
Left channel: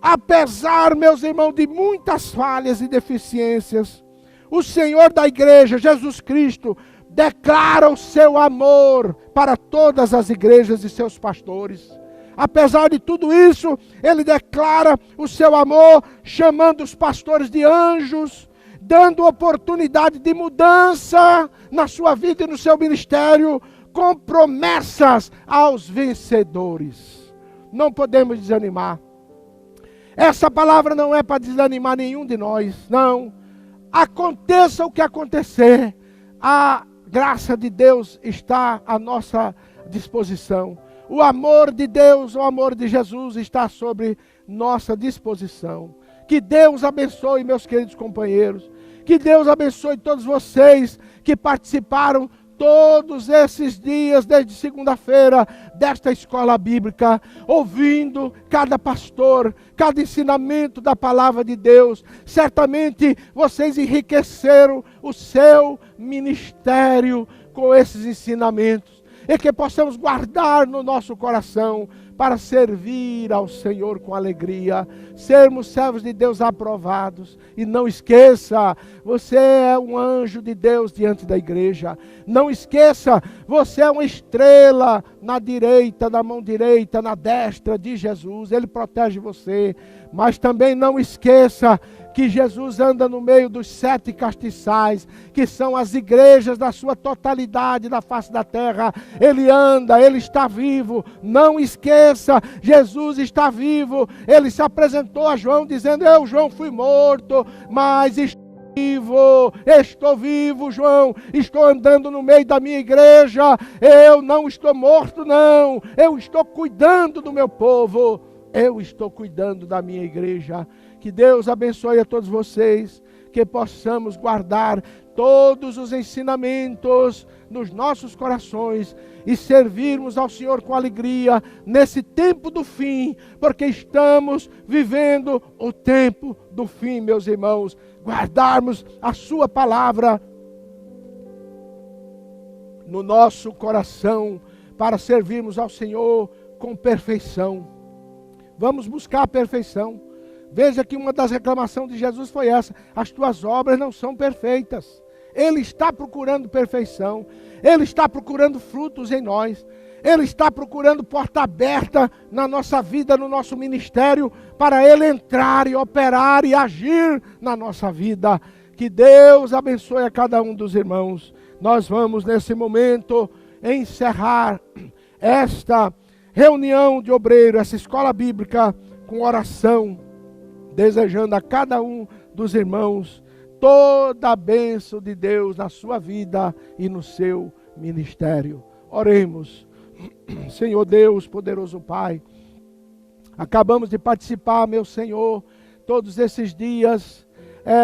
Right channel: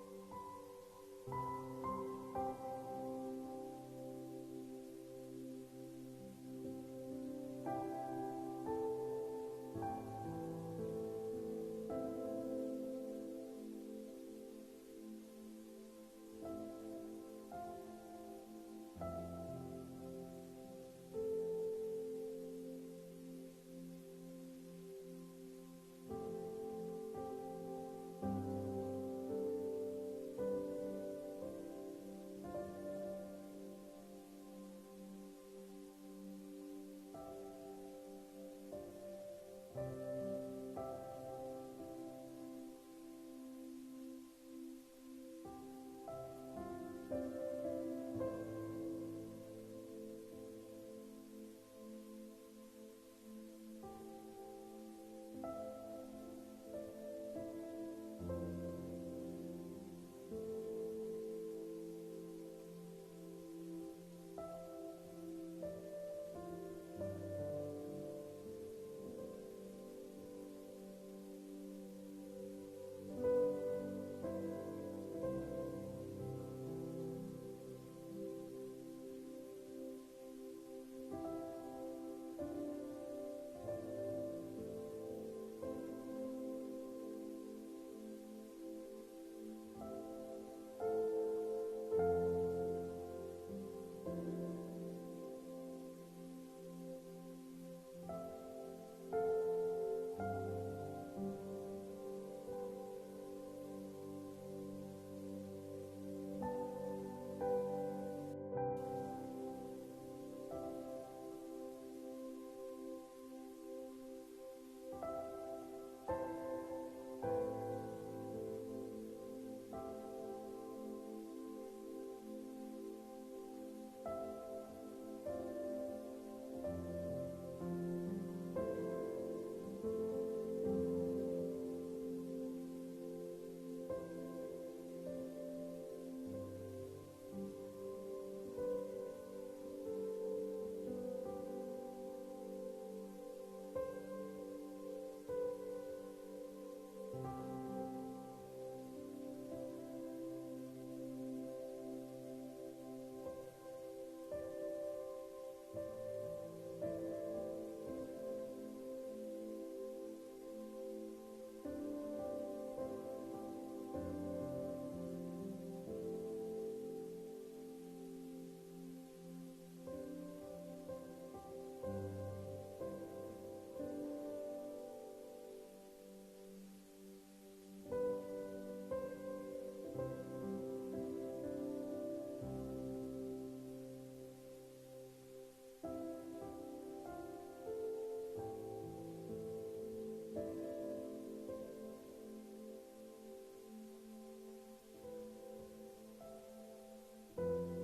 Apesar, meus irmãos, de muitas falhas e deficiências, o Senhor da igreja, Jesus Cristo, declara o seu amor para todas as igrejas e seus pastores. Apesar de tudo isso, ele declara o seu amor, chamando os pastores de anjos, dando oportunidade de mudança na sua vida e no seu ministério, com promessas aos vencedores. Não podemos desanimar. Essa palavra não é para desanimar nenhum de nós, não. Aconteça o que acontecer, a graça de Deus está à nossa disposição. O amor de Deus, o amor de Jesus está sobre nossa disposição. Que Deus abençoe, meus queridos companheiros. Que Deus abençoe todos vocês que participaram todos esses dias, desde segunda-feira, desta escola bíblica, ouvindo cada pastor, cada ensinamento da palavra de Deus. Certamente vocês enriqueceram o seu ministério com esses ensinamentos, e que possamos guardar no nosso coração para servir ao Senhor com alegria, sermos servos de Deus aprovados. E não esqueça, você é um anjo de Deus diante da igreja. Não esqueça, você é uma estrela na direita, na mão direita, na destra de Jesus. Ele protege você. Mas também não esqueça que Jesus anda no meio dos 7 castiçais, que são as igrejas da sua totalidade na face da terra. Ele anda, ele está vivo. Não esqueça, Jesus está vivo. Ele se apresentou a João dizendo: eu, João, fui morto, mas estou vivo, João, estou andando no meio da minha igreja. Eu não estou morto, não. Eu estou cuidando do meu povo. Eu estou cuidando da minha igreja. Que Deus abençoe a todos vocês, que possamos guardar todos os ensinamentos nos nossos corações e servirmos ao Senhor com alegria nesse tempo do fim, porque estamos vivendo o tempo do fim, meus irmãos. Guardarmos a sua palavra no nosso coração para servirmos ao Senhor com perfeição. Vamos buscar a perfeição. Veja que uma das reclamações de Jesus foi essa: as tuas obras não são perfeitas. Ele está procurando perfeição. Ele está procurando frutos em nós. Ele está procurando porta aberta na nossa vida, no nosso ministério, para Ele entrar e operar e agir na nossa vida. Que Deus abençoe a cada um dos irmãos. Nós vamos nesse momento encerrar esta reunião de obreiros, essa escola bíblica, com oração, desejando a cada um dos irmãos toda a bênção de Deus na sua vida e no seu ministério. Oremos. Senhor Deus, poderoso Pai, acabamos de participar, meu Senhor, todos esses dias,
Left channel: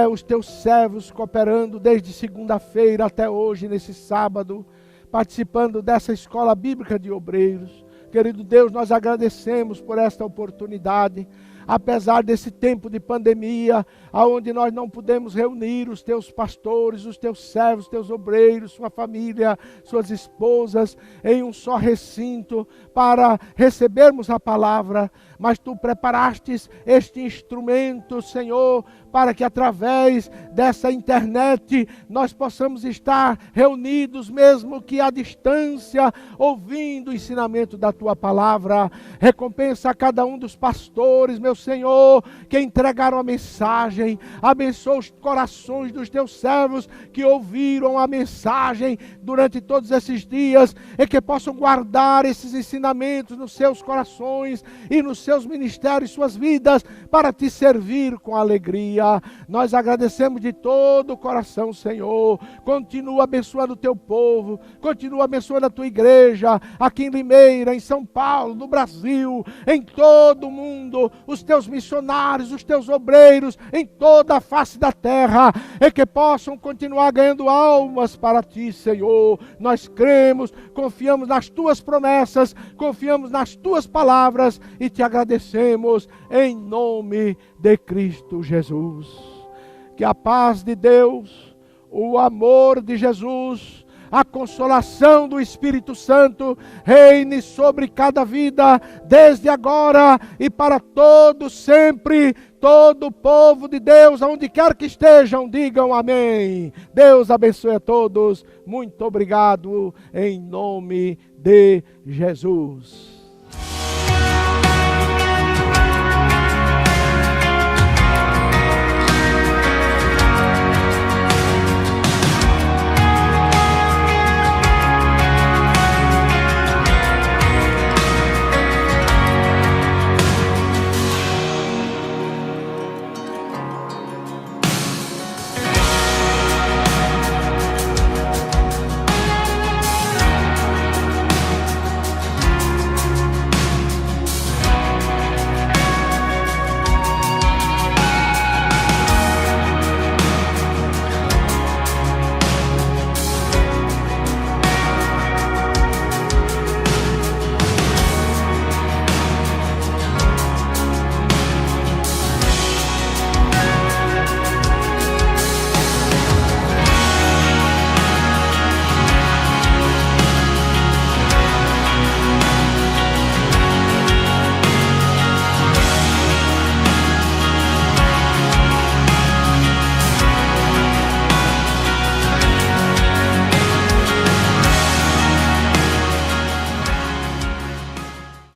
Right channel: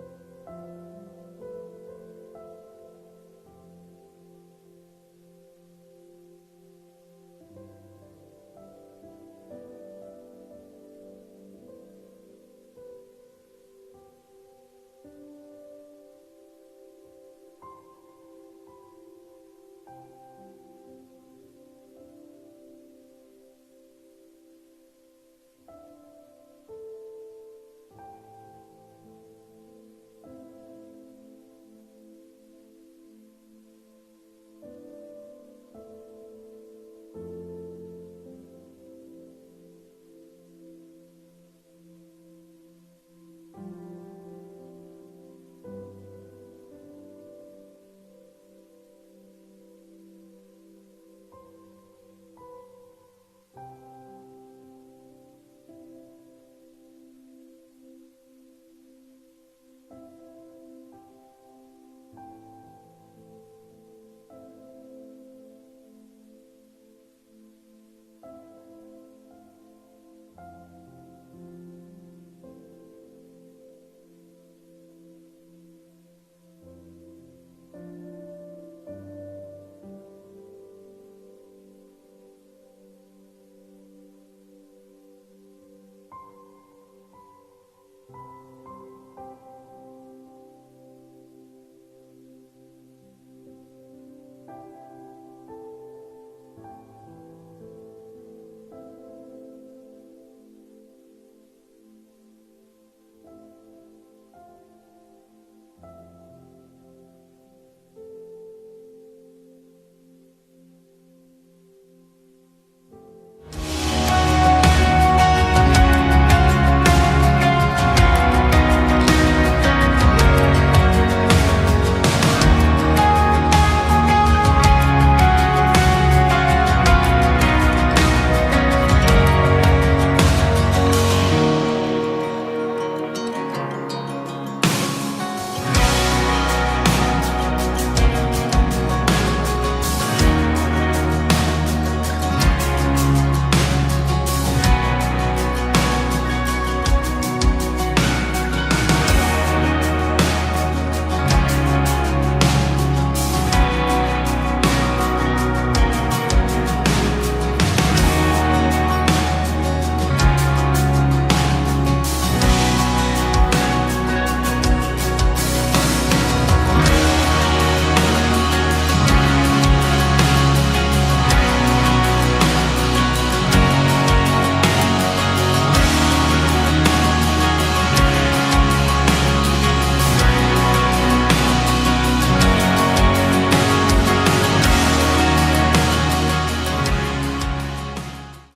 os teus servos cooperando desde segunda-feira até hoje, nesse sábado, participando dessa escola bíblica de obreiros. Querido Deus, nós agradecemos por esta oportunidade, apesar desse tempo de pandemia, aonde nós não pudemos reunir os teus pastores, os teus servos, os teus obreiros, sua família, suas esposas, em um só recinto, para recebermos a palavra, mas tu preparastes este instrumento, Senhor, para que através dessa internet nós possamos estar reunidos, mesmo que à distância, ouvindo o ensinamento da tua palavra. Recompensa a cada um dos pastores, meu Senhor, que entregaram a mensagem. Abençoa os corações dos teus servos que ouviram a mensagem durante todos esses dias e que possam guardar esses ensinamentos nos seus corações e nos seus ministérios, suas vidas, para te servir com alegria. Nós agradecemos de todo o coração, Senhor. Continua abençoando o teu povo, continua abençoando a tua igreja, aqui em Limeira, em São Paulo, no Brasil, em todo o mundo, os teus missionários, os teus obreiros, em toda a face da terra, e que possam continuar ganhando almas para ti, Senhor. Nós cremos, confiamos nas tuas promessas, confiamos nas tuas palavras e te agradecemos em nome de Cristo Jesus. Que a paz de Deus, o amor de Jesus, a consolação do Espírito Santo reine sobre cada vida, desde agora e para todos sempre. Todo o povo de Deus, aonde quer que estejam, digam amém. Deus abençoe a todos. Muito obrigado, em nome de Jesus.